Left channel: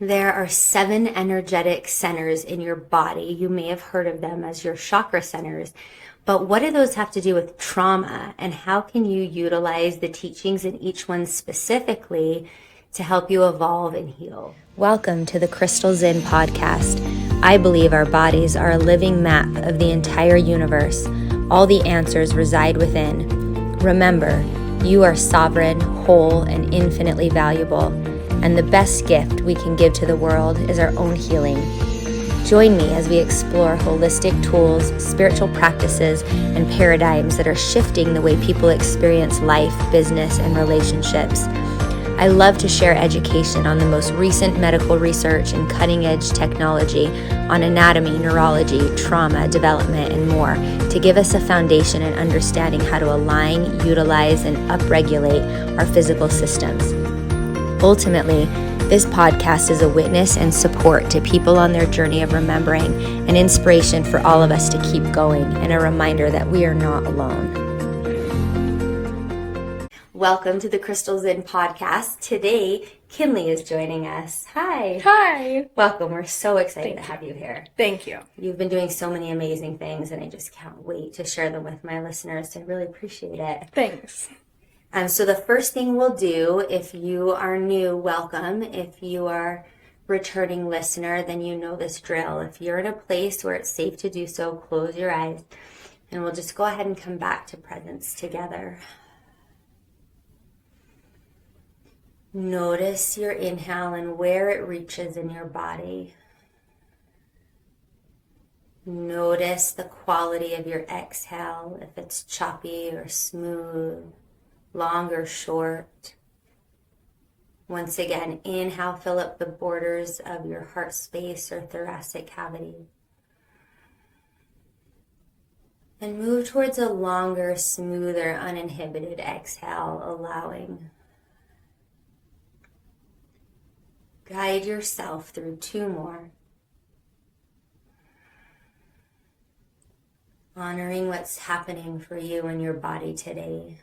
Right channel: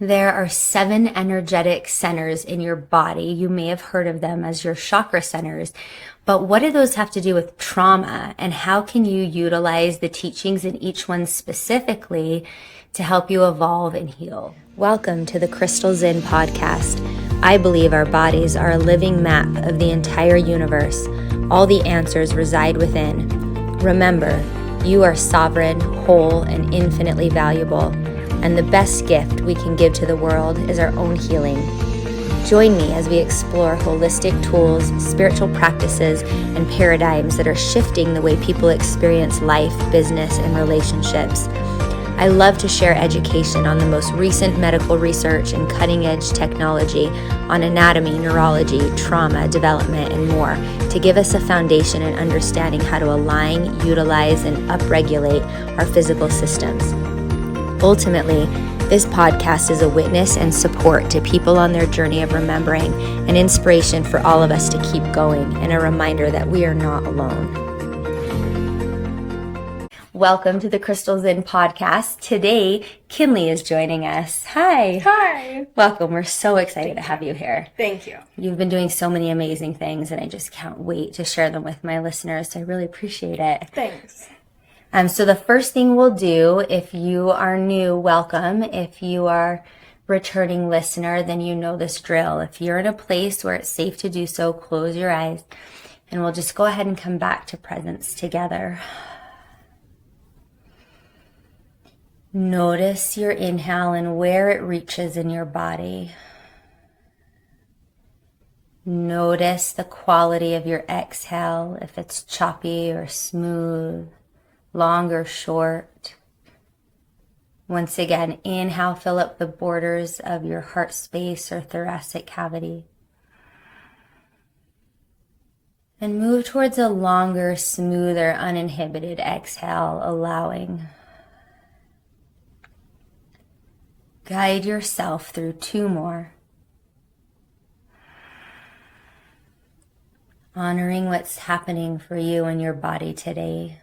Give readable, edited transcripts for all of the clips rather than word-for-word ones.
There are 7 energetic centers in your body. You may have heard of them as your chakra centers. But what do those have to do with trauma? And how can you utilize the teachings in each one specifically to help you evolve and heal? Welcome to the Crystal Zen podcast. I believe our bodies are a living map of the entire universe. All the answers reside within. Remember, you are sovereign, whole, and infinitely valuable. And the best gift we can give to the world is our own healing. Join me as we explore holistic tools, spiritual practices, and paradigms that are shifting the way people experience life, business, and relationships. I love to share education on the most recent medical research and cutting-edge technology on anatomy, neurology, trauma, development, and more to give us a foundation and understanding how to align, utilize, and upregulate our physical systems. Ultimately, this podcast is a witness and support to people on their journey of remembering, an inspiration for all of us to keep going, and a reminder that we are not alone. Welcome to the Crystal Zen podcast. Today, Kinley is joining us. Hi. Hi. Welcome. We're so excited to have you here. Thank you. You've been doing so many amazing things, and I just can't wait to share them with my listeners. So I really appreciate it. Thanks. So the first thing we'll do, if you are new, welcome. If you are returning listener, then you know this drill. If you're in a place where it's safe to do so, close your eyes, and we'll just go ahead and come back to presence together. Notice your inhale and where it reaches in your body. Notice the quality of your exhale, if it's choppy or smooth, long or short. Once again, inhale, fill up the borders of your heart space or thoracic cavity. And move towards a longer, smoother, uninhibited exhale, allowing. Guide yourself through 2 more. Honoring what's happening for you in your body today.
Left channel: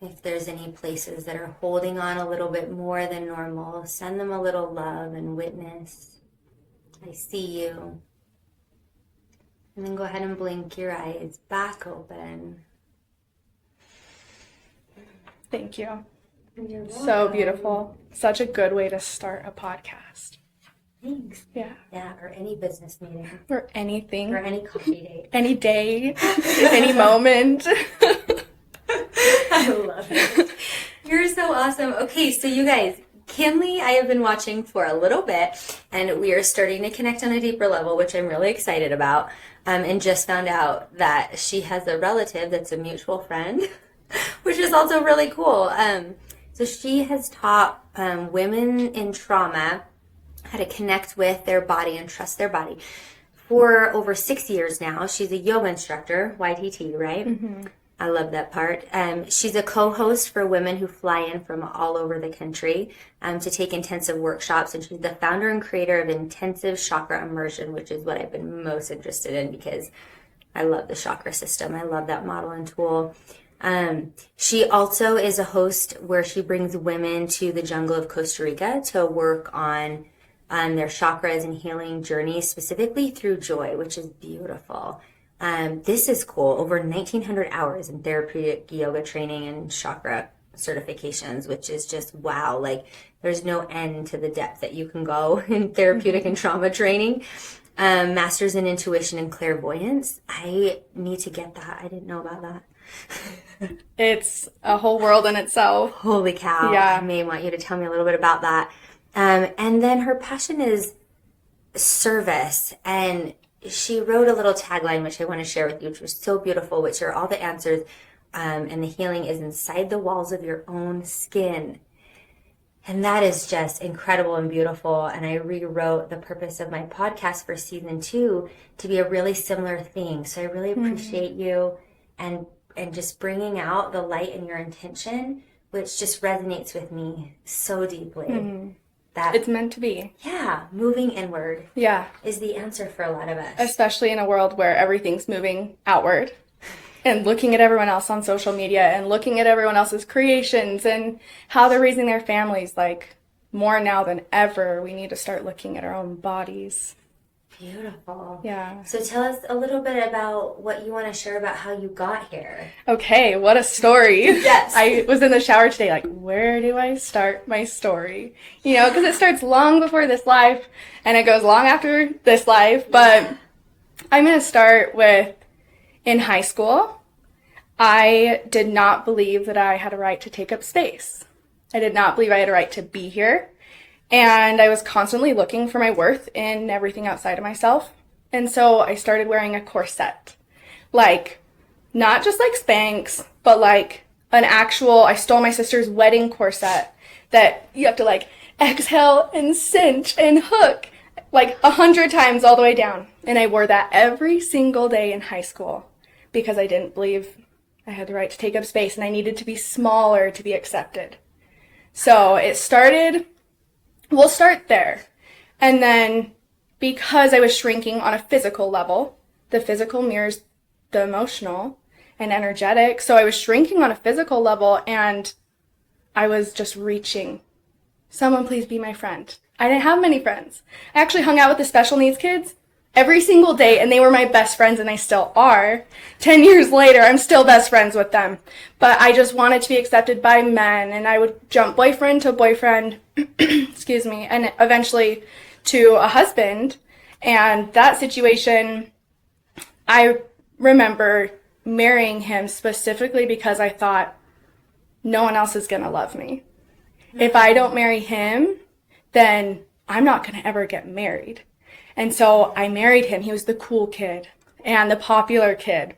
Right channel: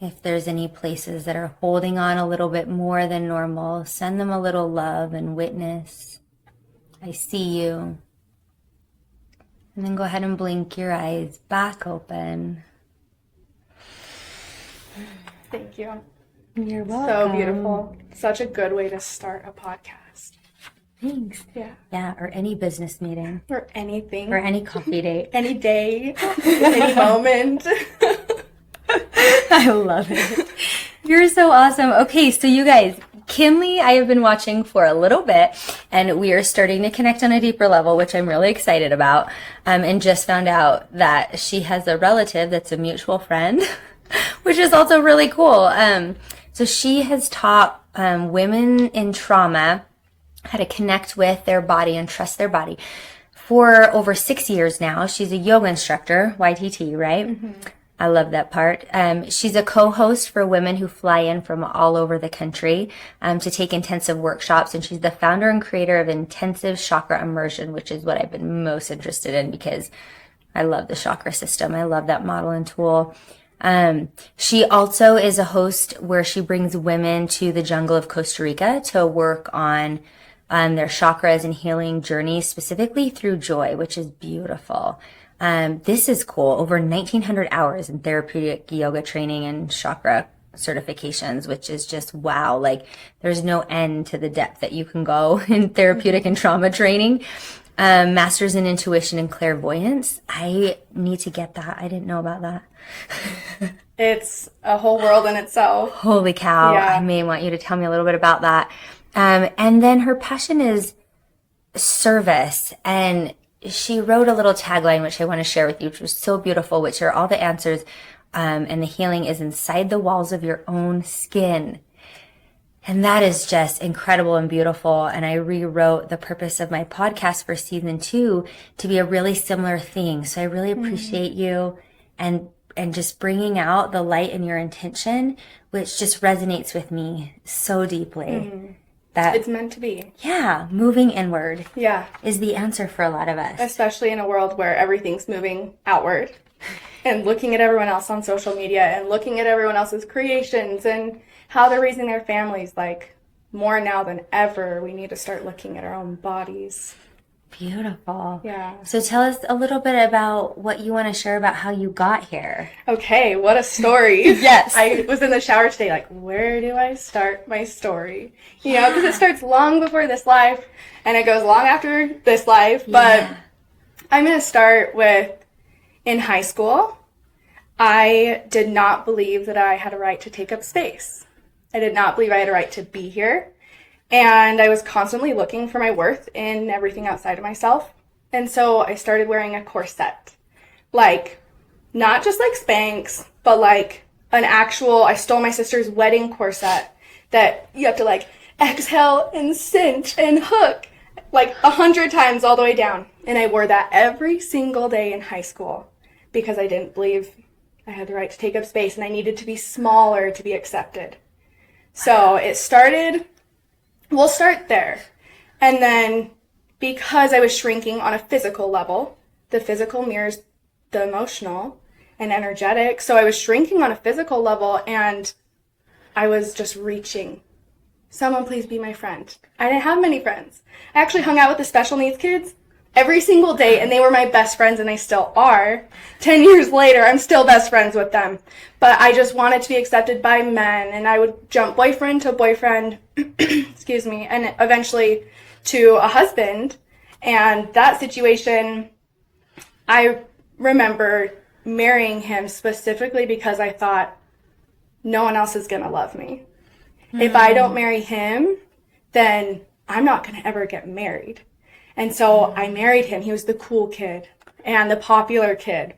If there's any places that are holding on a little bit more than normal, send them a little love and witness. I see you. And then go ahead and blink your eyes back open. Thank you. You're welcome. So beautiful. Such a good way to start a podcast. Thanks. Yeah. Yeah, or any business meeting. Or anything. Or any coffee date. Any day. Any moment. I love it. You're so awesome. Okay, so you guys, Kinley, I have been watching for a little bit, and we are starting to connect on a deeper level, which I'm really excited about, and just found out that she has a relative that's a mutual friend, which is also really cool. So she has taught women in trauma how to connect with their body and trust their body for over 6 years now. She's a yoga instructor, YTT, right? Mm-hmm. I love that part. She's a co-host for women who fly in from all over the country to take intensive workshops. And she's the founder and creator of Intensive Chakra Immersion, which is what I've been most interested in because I love the chakra system. I love that model and tool. She also is a host where she brings women to the jungle of Costa Rica to work on their chakras and healing journeys, specifically through joy, which is beautiful. This is cool. Over 1,900 hours in therapeutic yoga training and chakra certifications, which is just wow. Like there's no end to the depth that you can go in therapeutic and trauma training. Masters in Intuition and Clairvoyance. I need to get that. I didn't know about that. It's a whole world in itself. Holy cow. Yeah. I may want you to tell me a little bit about that. And then her passion is service, and she wrote a little tagline, which I want to share with you, which was so beautiful, which are all the answers and the healing is inside the walls of your own skin. And that is just incredible and beautiful. And I rewrote the purpose of my podcast for season 2 to be a really similar thing. So I really appreciate you and just bringing out the light in your intention, which just resonates with me so deeply. That it's meant to be. Yeah, moving inward. Yeah. Is the answer for a lot of us. Especially in a world where everything's moving outward. and looking at everyone else on social media and looking at everyone else's creations and how they're raising their families. Like, more now than ever, we need to start looking at our own bodies. Beautiful. Yeah. So tell us a little bit about what you want to share about how you got here. Okay, what a story. Yes. I was in the shower today, like, where do I start my story? You know, because it starts long before this life, and it goes long after this life. But I'm going to start with, in high school, I did not believe that I had a right to take up space. I did not believe I had a right to be here. And I was constantly looking for my worth in everything outside of myself. And so I started wearing a corset. Like, not just like Spanx, but like an actual, I stole my sister's wedding corset that you have to like exhale and cinch and hook like 100 times all the way down. And I wore that every single day in high school because I didn't believe I had the right to take up space and I needed to be smaller to be accepted. So it started, we'll start there. And then because I was shrinking on a physical level, the physical mirrors the emotional and energetic. So I was shrinking on a physical level and I was just reaching. Someone please be my friend. I didn't have many friends. I actually hung out with the special needs kids every single day, and they were my best friends, and they still are. 10 years later, I'm still best friends with them. But I just wanted to be accepted by men, and I would jump boyfriend to boyfriend, excuse me, and eventually to a husband. And that situation, I remember marrying him specifically because I thought, no one else is going to love me. If I don't marry him, then I'm not going to ever get married. And so I married him. He was the cool kid and the popular kid.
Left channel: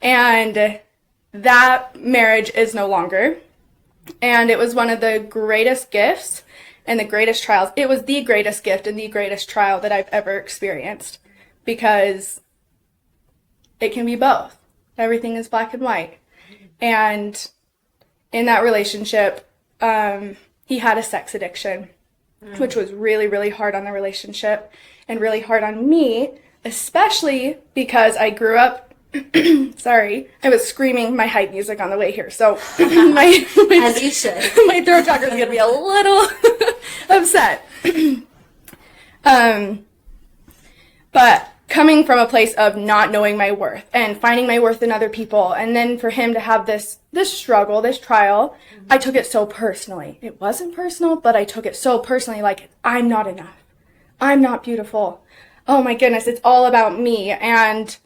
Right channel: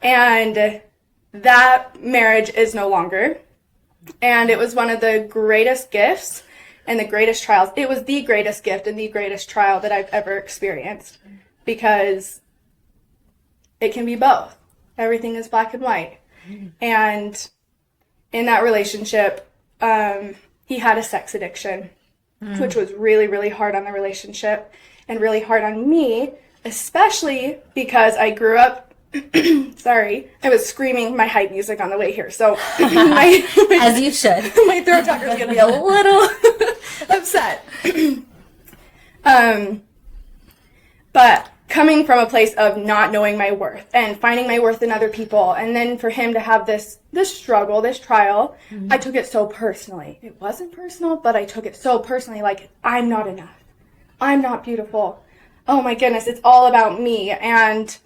And that marriage is no longer. And it was one of the greatest gifts and the greatest trials. It was the greatest gift and the greatest trial that I've ever experienced because it can be both. Everything is black and white. And in that relationship, he had a sex addiction, which was really, really hard on the relationship and really hard on me, especially because I grew up, sorry, I was screaming my hype music on the way here. So as you should. My throat chakra is going to be a little upset. But coming from a place of not knowing my worth and finding my worth in other people, and then for him to have this struggle, this trial, I took it so personally. It wasn't personal, but I took it so personally, like, I'm not enough. I'm not beautiful. Oh my goodness, it's all about me. And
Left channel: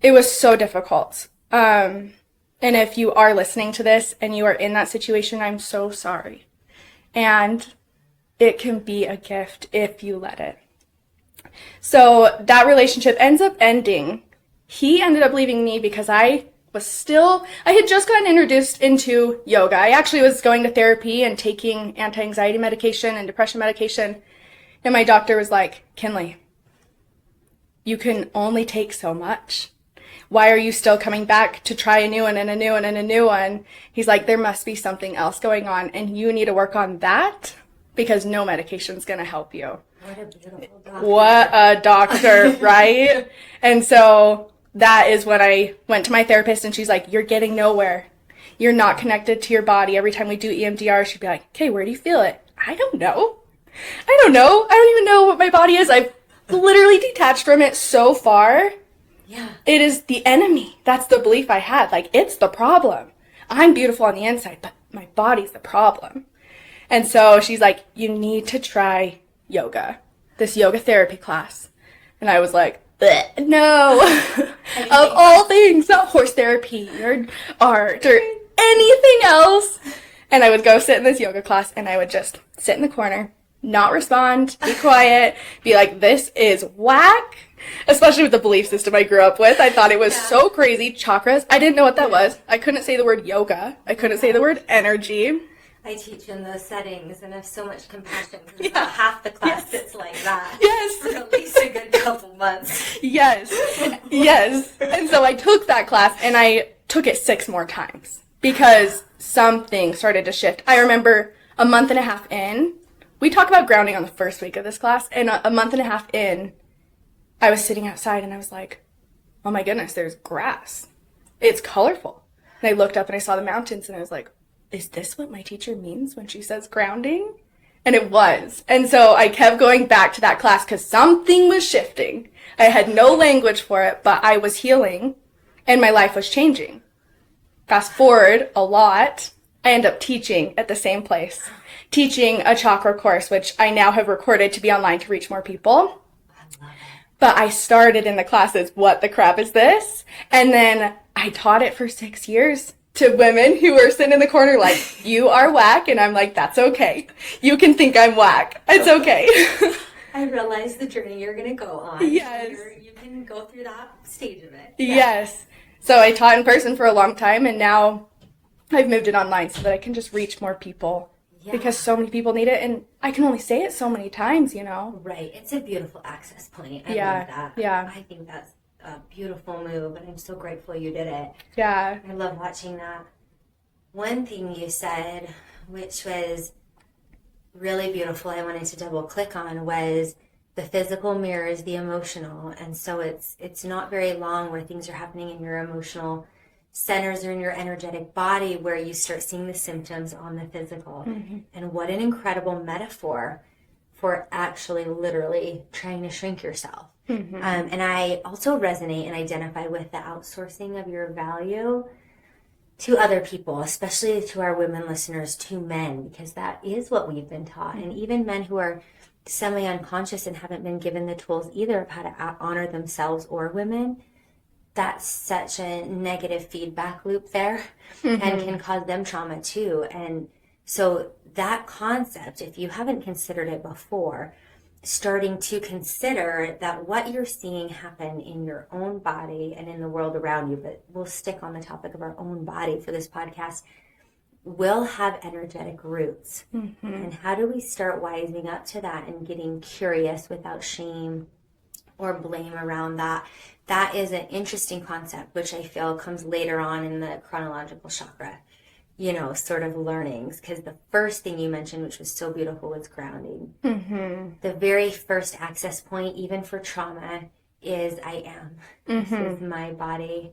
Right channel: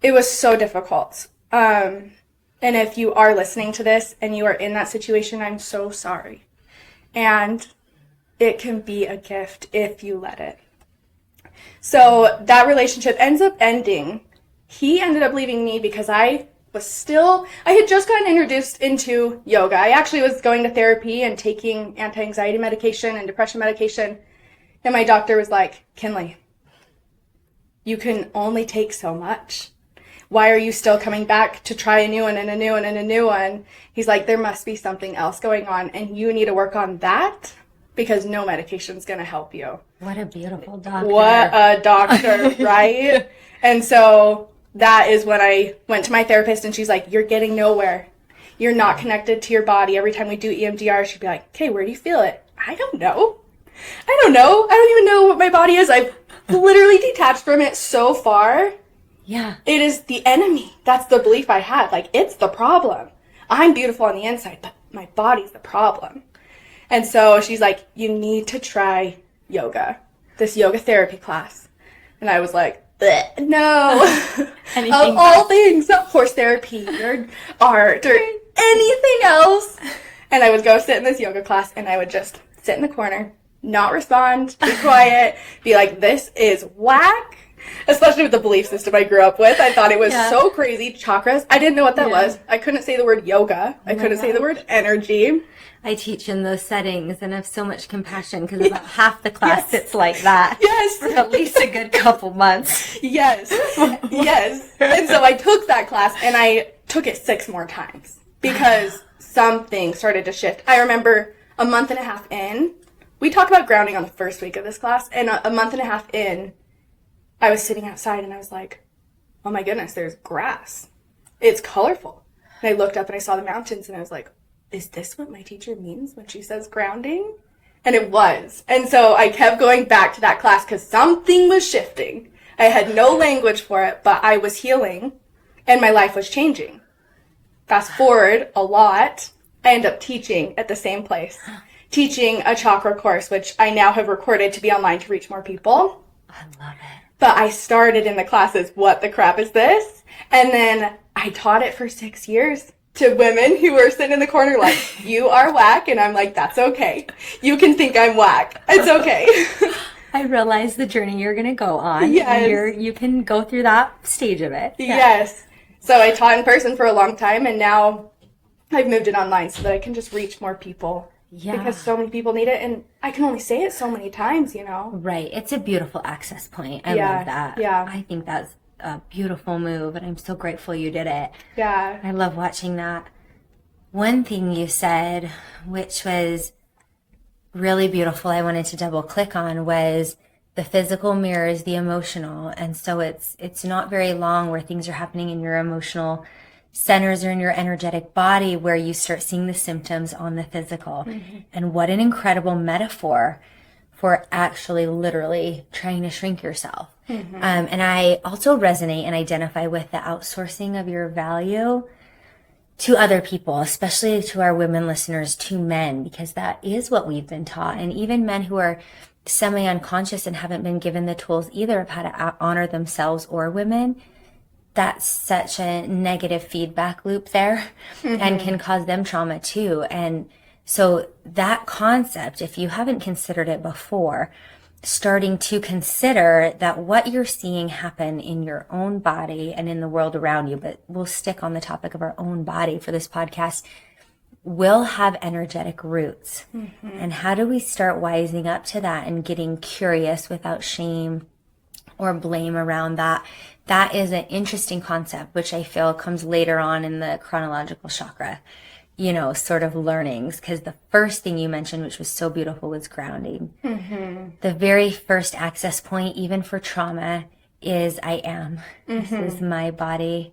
it was so difficult. And if you are listening to this and you are in that situation, I'm so sorry. And it can be a gift if you let it. So that relationship ends up ending. He ended up leaving me because I had just gotten introduced into yoga. I actually was going to therapy and taking anti-anxiety medication and depression medication. And my doctor was like, Kinley, you can only take so much. Why are you still coming back to try a new one and a new one and a new one? He's like, there must be something else going on and you need to work on that because no medication's going to help you. What a beautiful doctor. What a doctor, right? And so that is when I went to my therapist and she's like, you're getting nowhere. You're not connected to your body. Every time we do EMDR, she'd be like, okay, where do you feel it? I don't know. I don't even know what my body is. I've literally detached from it so far. Yeah. It is the enemy. That's the belief I had. Like, it's the problem. I'm beautiful on the inside, but my body's the problem. And so she's like, you need to try yoga, this yoga therapy class. And I was like, no. Of all things, not horse therapy or art or anything else. And I would go sit in this yoga class and I would just sit in the corner, not respond, be quiet, be like, this is whack. Especially with the belief system I grew up with. I thought it was so crazy. Chakras. I didn't know what that was. I couldn't say the word yoga. I couldn't say the word energy. I teach in those settings and have so much compassion because about half the class sits like that. Yes. For at least a good couple months. Yes. Yes. And so I took that class and I took it 6 more times because something started to shift. I remember a month and a half in, we talk about grounding on the first week of this class, and a month and a half in, I was sitting outside and I was like, oh my goodness, there's grass. it's colorful. And I looked up and I saw the mountains and I was like, is this what my teacher means when she says grounding? And it was. And so I kept going back to that class because something was shifting. I had no language for it, but I was healing and my life was changing. Fast forward a lot, I end up teaching at the same place, teaching a chakra course, which I now have recorded to be online to reach more people. I love it. But I started in the classes, what the crap is this? And then I taught it for 6 years to women who were sitting in the corner like, you are whack. And I'm like, that's okay. You can think I'm whack. It's okay. I realize the journey you're going to go on. Yes. You can go through that stage of it. Yeah. Yes. So I taught in person for a long time, and now I've moved it online so that I can just reach more people. Yeah. Because so many people need it, and I can only say it so many times, you know? Right. It's a beautiful access point. I love that. Yeah. I think that's a beautiful move, and I'm so grateful you did it. Yeah. I love watching that. One thing you said, which was really beautiful, I wanted to double click on, was the physical mirrors the emotional. And so it's not very long where things are happening in your emotional centers or in your energetic body where you start seeing the symptoms on the physical. Mm-hmm. And what an incredible metaphor for actually literally trying to shrink yourself. Mm-hmm. And I also resonate and identify with the outsourcing of your value to other people, especially to our women listeners, to men, because that is what we've been taught. And even men who are semi-unconscious and haven't been given the tools either of how to honor themselves or women, that's such a negative feedback loop there. Mm-hmm. And can cause them trauma too. And so that concept, if you haven't considered it before, starting to consider that what you're seeing happen in your own body and in the world around you, but we'll stick on the topic of our own body for this podcast, will have energetic roots. Mm-hmm. And how do we start wising up to that and getting curious without shame or blame around that? That is an interesting concept, which I feel comes later on in the chronological chakra, sort of learnings. Because the first thing you mentioned, which was so beautiful, was grounding. Mm-hmm. The very first access point, even for trauma, is I am. Mm-hmm. This is my body.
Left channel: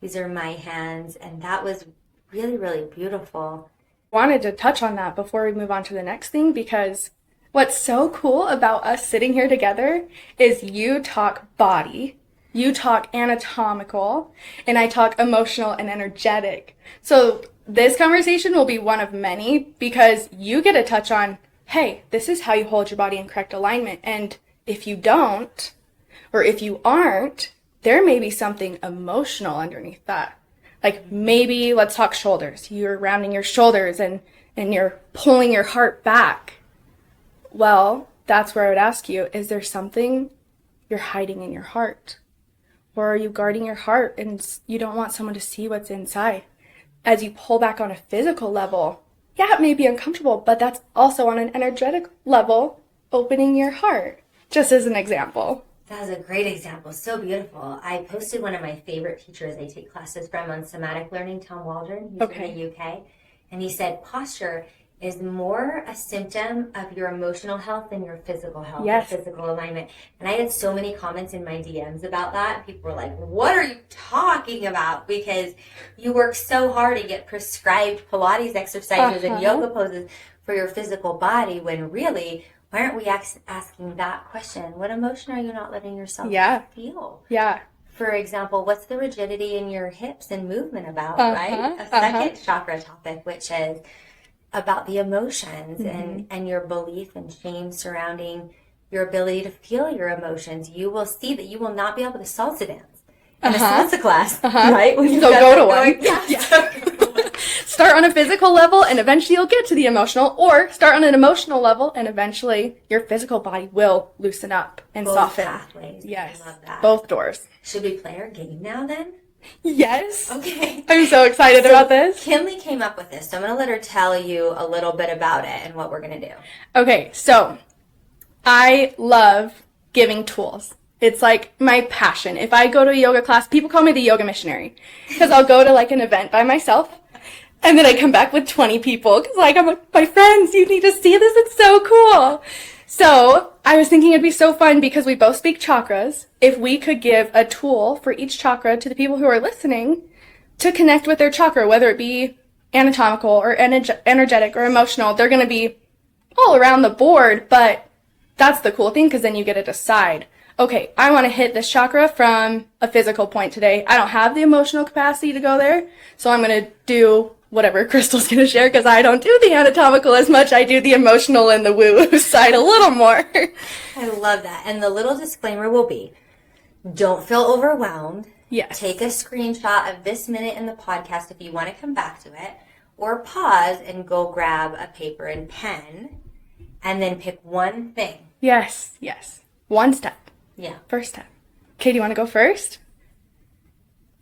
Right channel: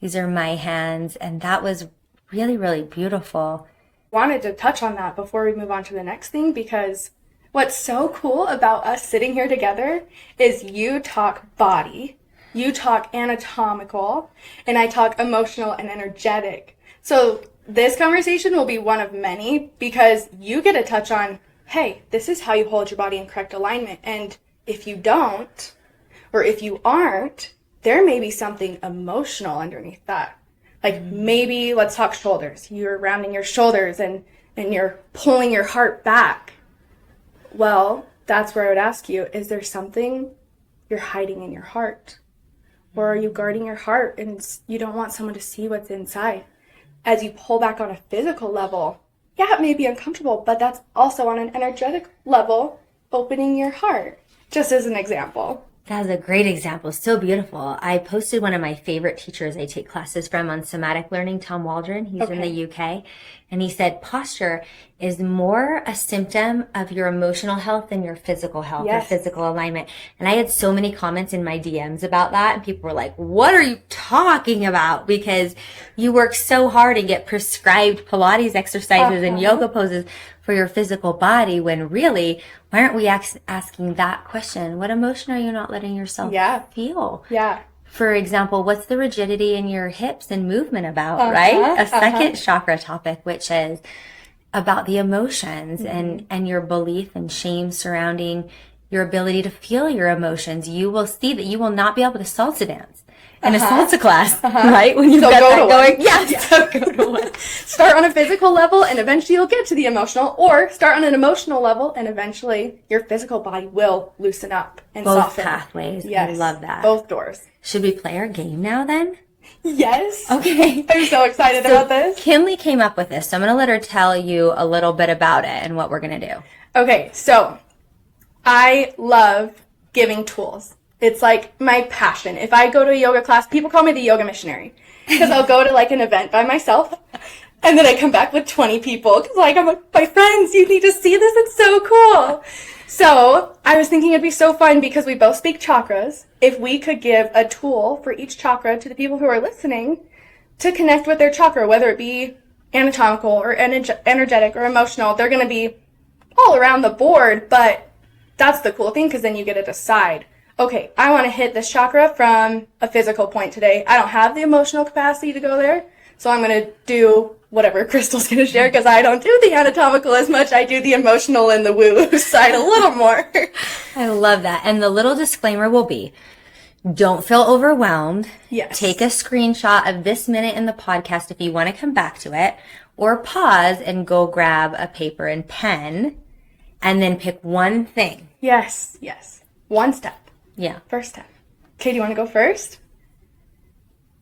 These are my hands. And that was really, really beautiful. Wanted to touch on that before we move on to the next thing, because what's so cool about us sitting here together is you talk body, you talk anatomical, and I talk emotional and energetic. So this conversation will be one of many because you get to touch on, hey, this is how you hold your body in correct alignment. And if you don't, or if you aren't, there may be something emotional underneath that. Like maybe let's talk shoulders. You're rounding your shoulders and you're pulling your heart back. Well, that's where I would ask you, is there something you're hiding in your heart? Or are you guarding your heart and you don't want someone to see what's inside? As you pull back on a physical level, yeah, it may be uncomfortable, but that's also on an energetic level, opening your heart, just as an example. That was a great example. So beautiful. I posted one of my favorite teachers I take classes from on somatic learning, Tom Waldron. He's from the UK. And he said posture is more a symptom of your emotional health than your physical health or physical alignment. And I had so many comments in my DMs about that. And people were like, what are you talking about? Because you work so hard and get prescribed Pilates exercises and yoga poses for your physical body, when really, why aren't we asking that question? What emotion are you not letting yourself feel? Yeah. For example, what's the rigidity in your hips and movement about, right? A second chakra topic, which is about the emotions and your belief and shame surrounding your ability to feel your emotions. You will see that you will not be able to salsa dance in a salsa class, right? When you've got that going. So go to one. Start on a physical level and eventually you'll get to the emotional, or start on an emotional level and eventually your physical body will loosen up and soften. Both pathways. Yes. I love that. Both doors. Should we play our game now then? Yes. Okay. I'm so excited about this. Kinley came up with this, so I'm going to let her tell you a little bit about it and what we're going to do. Okay, so I love giving tools. It's like my passion. If I go to a yoga class, people call me the yoga missionary because I'll go to like an event by myself and then I come back with 20 people because I'm like, my friends, you need to see this. It's so cool. So I was thinking it'd be so fun because we both speak chakras. If we could give a tool for each chakra to the people who are listening, to connect with their chakra, whether it be anatomical or energetic or emotional. They're going to be all around the board, but that's the cool thing, because then you get to decide, okay, I want to hit this chakra from a physical point today. I don't have the emotional capacity to go there, so I'm going to do whatever Crystal's going to share, because I don't do the anatomical as much. I do the emotional and the woo side a little more. I love that. And the little disclaimer will be, don't feel overwhelmed. Yes. Take a screenshot of this minute in the podcast if you want to come back to it, or pause and go grab a paper and pen and then pick one thing. Yes. One step. Yeah. First step. Okay, do you want to go first?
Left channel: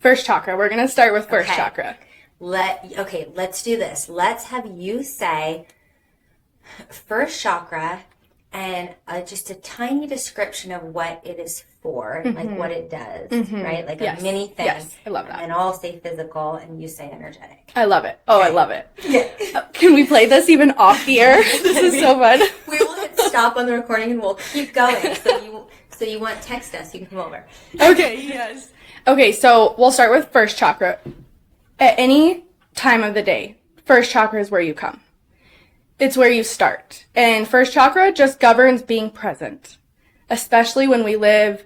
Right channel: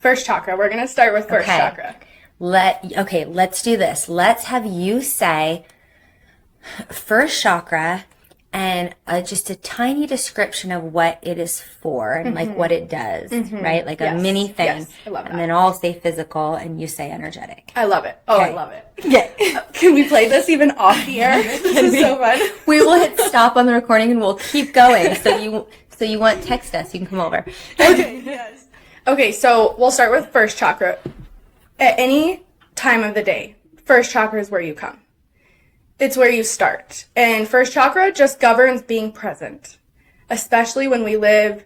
First chakra. We're going to start with first chakra. Let's do this. Let's have you say first chakra and just a tiny description of what it is for and like what it does, right? Like a mini thing. Yes, I love that. And then I'll say physical and you say energetic. I love it. Oh, I love it. Yeah. Can we play this even off the air? This is so fun. We will hit stop on the recording and we'll keep going. So you want text us, you can come over. Okay, yes. Okay, so we'll start with first chakra. At any time of the day, first chakra is where you come. It's where you start. And first chakra just governs being present, especially when we live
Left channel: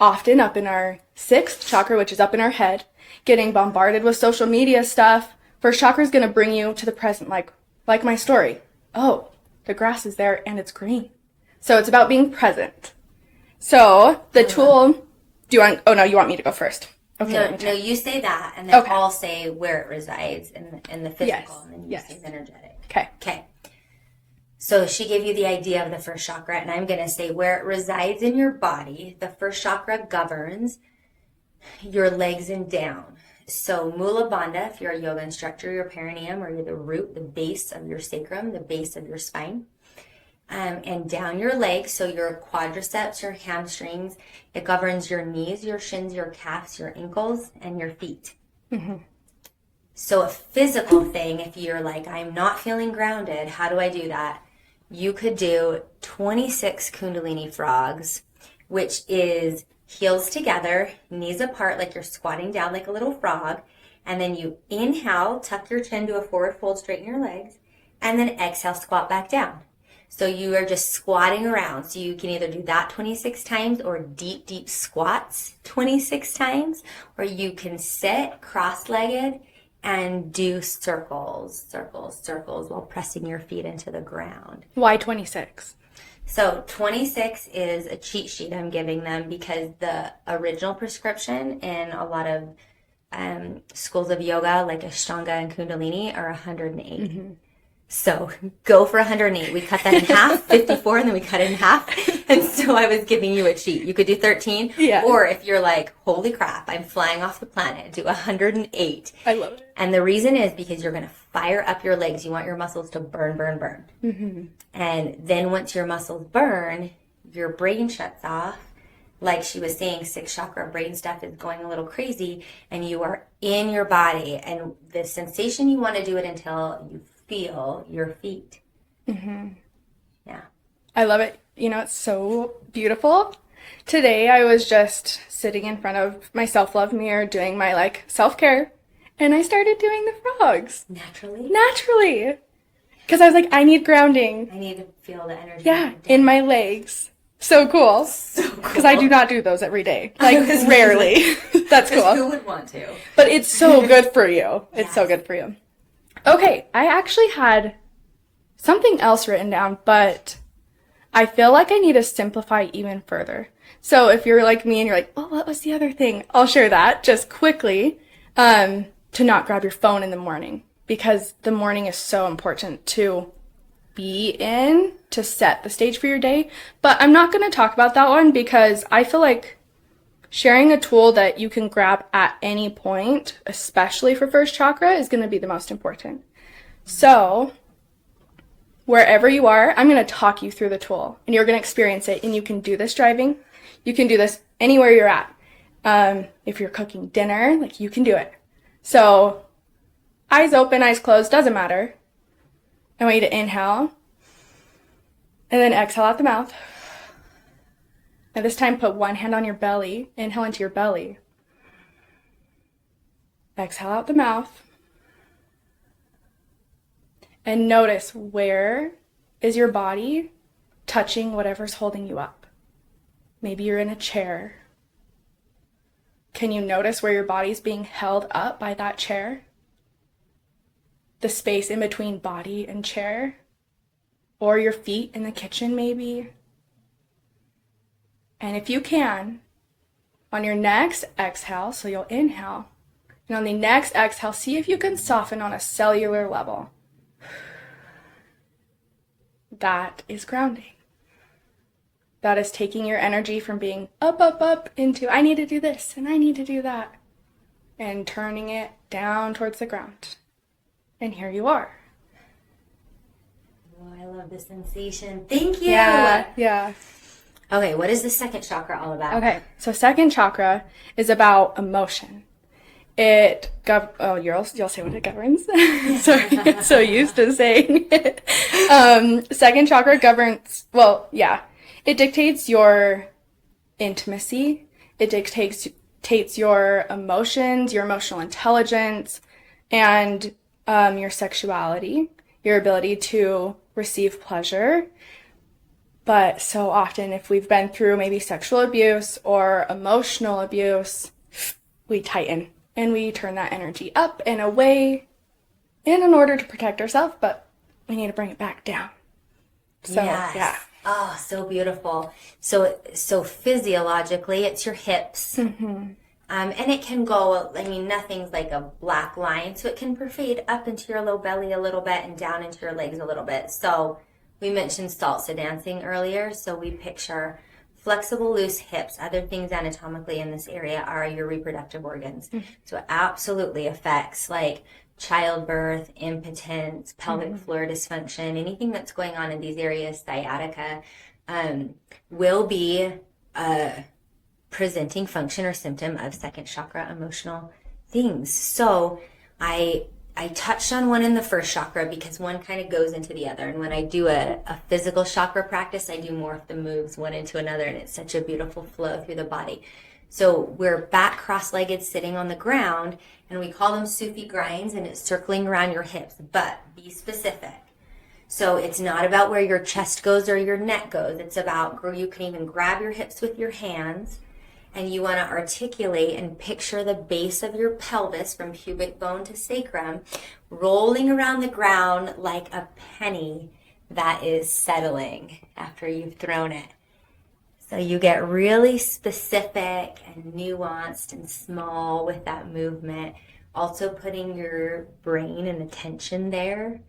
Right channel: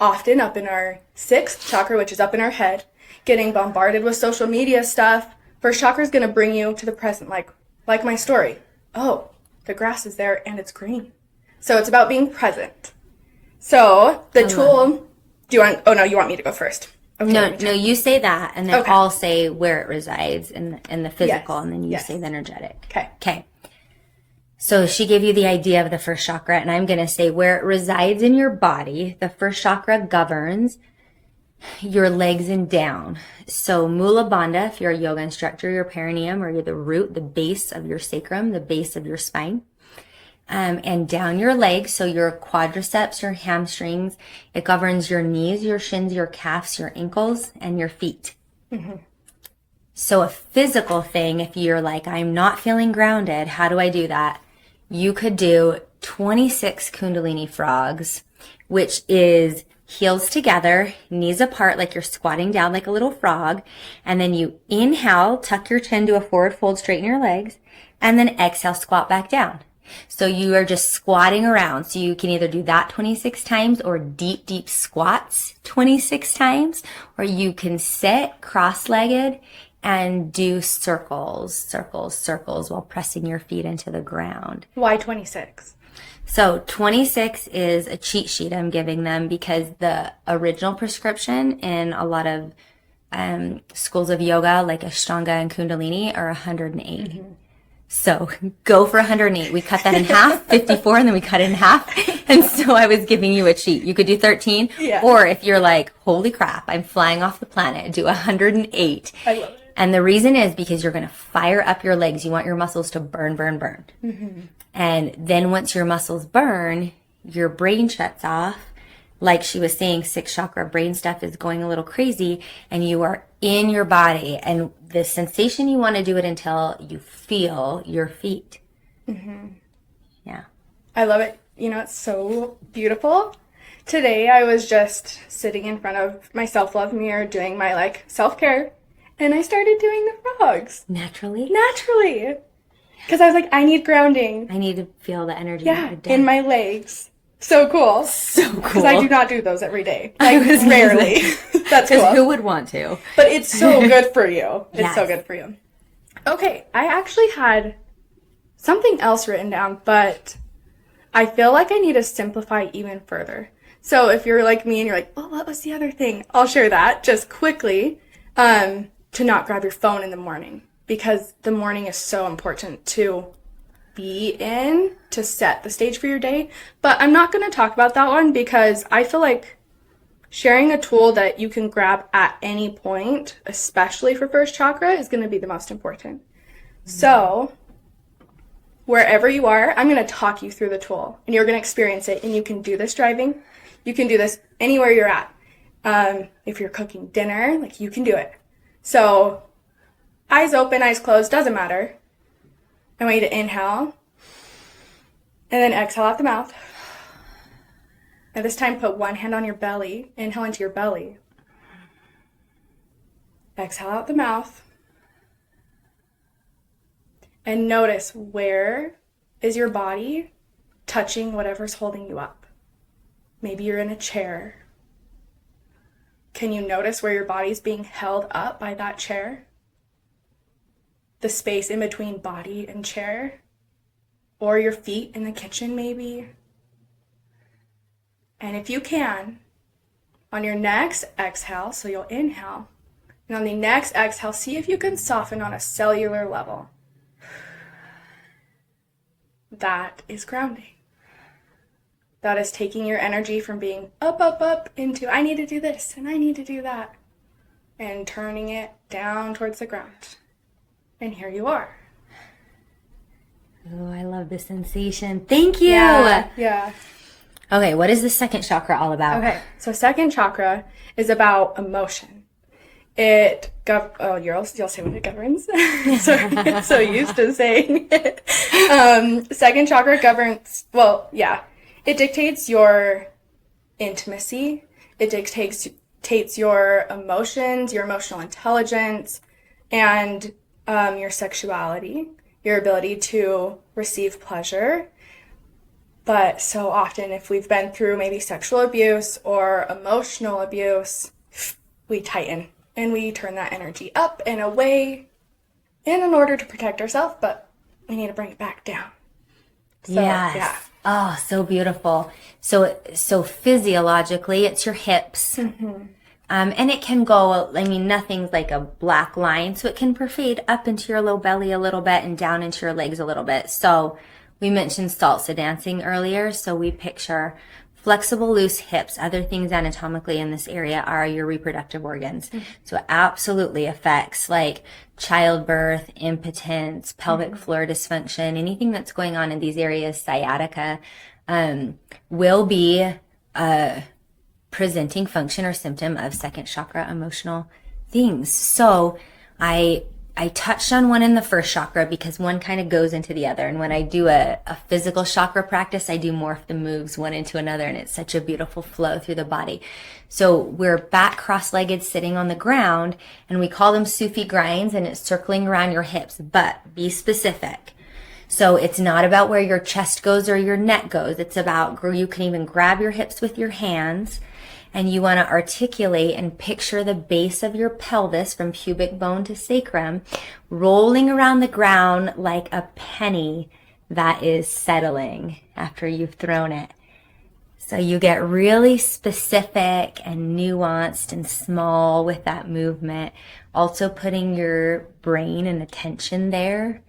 often up in our sixth chakra, which is up in our head, getting bombarded with social media stuff. First chakra is going to bring you to the present, like my story. Oh, the grass is there and it's green. So it's about being present. So the tool, you want me to go first? Okay, no, you say that, and then Okay. I'll say where it resides in the physical, Yes, and then you yes. say the energetic. Okay. So she gave you the idea of the first chakra, and I'm going to say where it resides in your body. The first chakra governs your legs and down. So Mula Bandha, if you're a yoga instructor, your perineum, or you're the root, the base of your sacrum, the base of your spine. And down your legs, so your quadriceps, your hamstrings. It governs your knees, your shins, your calves, your ankles, and your feet. So a physical thing, if you're like, I'm not feeling grounded, how do I do that? You could do 26 Kundalini frogs, which is heels together, knees apart like you're squatting down like a little frog. And then you inhale, tuck your chin to a forward fold, straighten your legs, and then exhale, squat back down. So you are just squatting around. So you can either do that 26 times or deep, deep squats 26 times, or you can sit cross-legged and do circles while pressing your feet into the ground. Why 26? So 26 is a cheat sheet I'm giving them because the original prescription in a lot of schools of yoga, like Ashtanga and Kundalini, are 108. So go for 108. We cut that in half, 54, and then we cut it in half. And so I was giving you a cheat. You could do 13. Yeah. Or if you're like, holy crap, I'm flying off the planet, do 108. I love it. And the reason is because you're going to fire up your legs. You want your muscles to burn. And then once your muscles burn, your brain shuts off. Like she was saying, sixth chakra brain stuff is going a little crazy, and you are in your body. And the sensation, you want to do it until you feel your feet. Yeah. I love it. It's so beautiful. Today I was just sitting in front of my self-love mirror doing my self-care, and I started doing the frogs. Naturally. Because I was like, I need grounding. I need to feel the energy. Yeah, in my legs. So cool. Because I do not do those every day. Rarely. That's cool. Who would want to? But it's so good for you. It's so Yes. good for you. Okay, I actually had something else written down, but I feel like I need to simplify even further. So if you're like me and you're like, oh, what was the other thing? I'll share that just quickly, to not grab your phone in the morning, because the morning is so important to be in to set the stage for your day. But I'm not going to talk about that one because I feel like sharing a tool that you can grab at any point, especially for first chakra, is going to be the most important. So wherever you are, I'm going to talk you through the tool and you're going to experience it. And you can do this driving. You can do this anywhere you're at. If you're cooking dinner, you can do it. So eyes open, eyes closed, doesn't matter. I want you to inhale and then exhale out the mouth. And this time put one hand on your belly. Inhale into your belly. Exhale out the mouth. And notice, where is your body touching whatever's holding you up? Maybe you're in a chair. Can you notice where your body's being held up by that chair? The space in between body and chair? Or your feet in the kitchen, maybe? And if you can, on your next exhale, so you'll inhale, and on the next exhale, see if you can soften on a cellular level. That is grounding. That is taking your energy from being up, up, up into, I need to do this and I need to do that, and turning it down towards the ground. And here you are. Oh, I love the sensation. Thank you. Yeah. Okay, what is the second chakra all about? Okay, so second chakra is about emotion. You'll say what it governs. Sorry, I'm so used to saying it. Second chakra governs, it dictates your intimacy. It dictates your emotions, your emotional intelligence, and your sexuality, your ability to receive pleasure. But so often, if we've been through maybe sexual abuse or emotional abuse, we tighten and we turn that energy up and away in order to protect ourselves, but we need to bring it back down. So, yes. Yeah. Oh, so beautiful. So physiologically, it's your hips. Mm-hmm. And it can go, nothing's like a black line, so it can pervade up into your low belly a little bit and down into your legs a little bit. So we mentioned salsa dancing earlier, so we picture flexible, loose hips. Other things anatomically in this area are your reproductive organs. Mm-hmm. So it absolutely affects like childbirth, impotence, pelvic floor dysfunction, anything that's going on in these areas. Sciatica will be a presenting function or symptom of second chakra emotional things. So I touched on one in the first chakra because one kind of goes into the other. And when I do a physical chakra practice, I do morph the moves one into another, and it's such a beautiful flow through the body. So we're back cross-legged sitting on the ground, and we call them Sufi grinds, and it's circling around your hips, but be specific. So it's not about where your chest goes or your neck goes. It's about, you can even grab your hips with your hands, and you want to articulate and picture the base of your pelvis from pubic bone to sacrum rolling around the ground like a penny that is settling after you've thrown it. So you get really specific and nuanced and small with that movement. Also putting your brain and attention there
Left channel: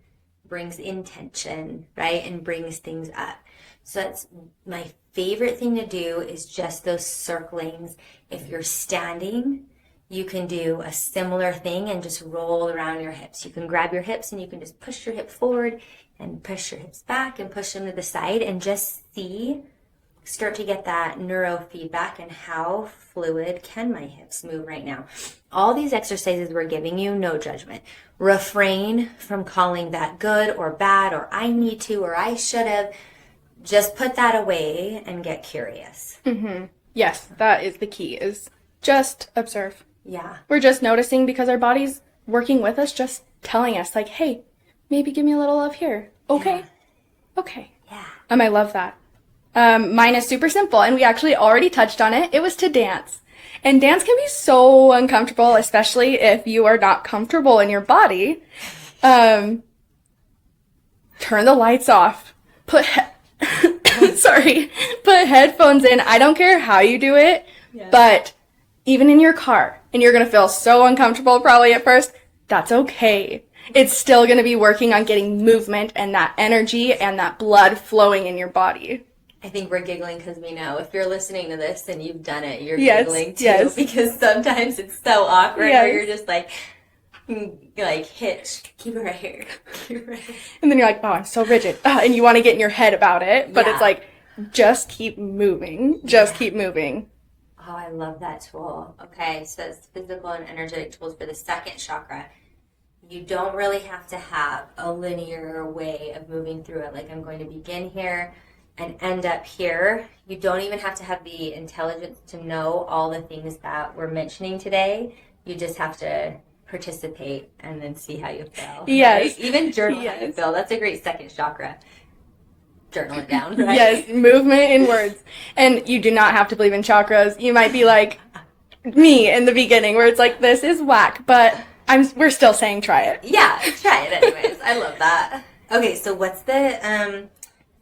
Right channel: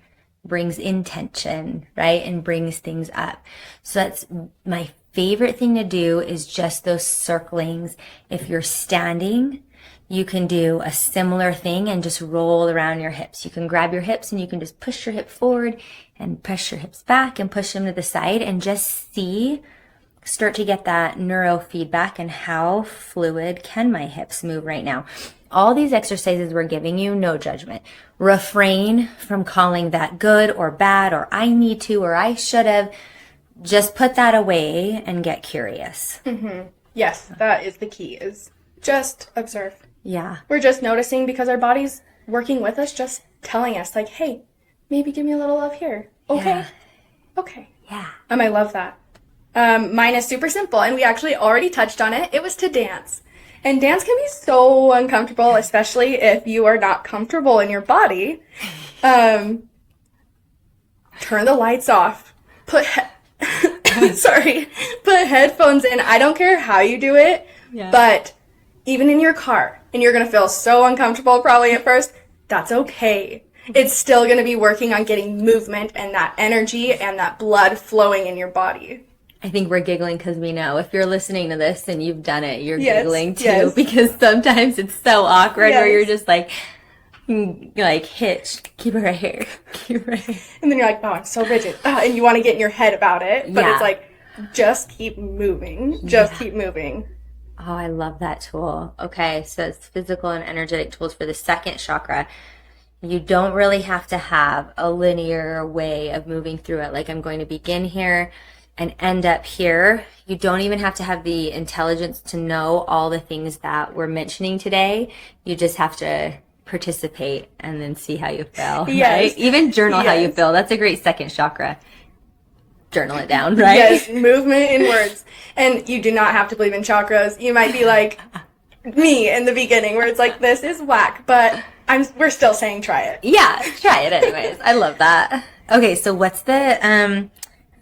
brings intention, right? And brings things up. So that's my favorite thing to do, is just those circlings. If you're standing, you can do a similar thing and just roll around your hips. You can grab your hips and you can just push your hip forward and press your hips back and push them to the side, and just start to get that neurofeedback and how fluid can my hips move right now. All these exercises we're giving you, no judgment. Refrain from calling that good or bad or I need to or I should have. Just put that away and get curious. Mm-hmm. Yes, that is the key, is just observe. Yeah. We're just noticing because our body's working with us, just telling us like, hey, maybe give me a little love here. Okay. Yeah. Okay. Yeah. I love that. Mine is super simple, and we actually already touched on it. It was to dance. And dance can be so uncomfortable, especially if you are not comfortable in your body. Turn the lights off. Put headphones in. I don't care how you do it, but even in your car, and you're going to feel so uncomfortable probably at first, that's okay. It's still going to be working on getting movement and that energy and that blood flowing in your body. I think we're giggling because we know if you're listening to this and you've done it, you're giggling too, because sometimes it's so awkward where you're just like hitched. Keep it right here. Keep it right here. And then you're like, oh, I'm so rigid. And you want to get in your head about it. But it's like, just keep moving. Just keep moving. Oh, I love that tool. Okay, so it's physical and energetic tools for the second chakra. You don't really have to have a linear way of moving through it. Like, I'm going to begin here and end up here. You don't even have to have the intelligence to know all the things that we're mentioning today. You just have to participate and then see how you feel. Yes. Right? Even journal how you Yes. feel. That's a great second chakra. Journal it down, right? Yes, movement in words. And you do not have to believe in chakras. You might be like me in the beginning where it's like, this is whack, but we're still saying try it. Yeah, try it anyways. I love that. Okay, so what's the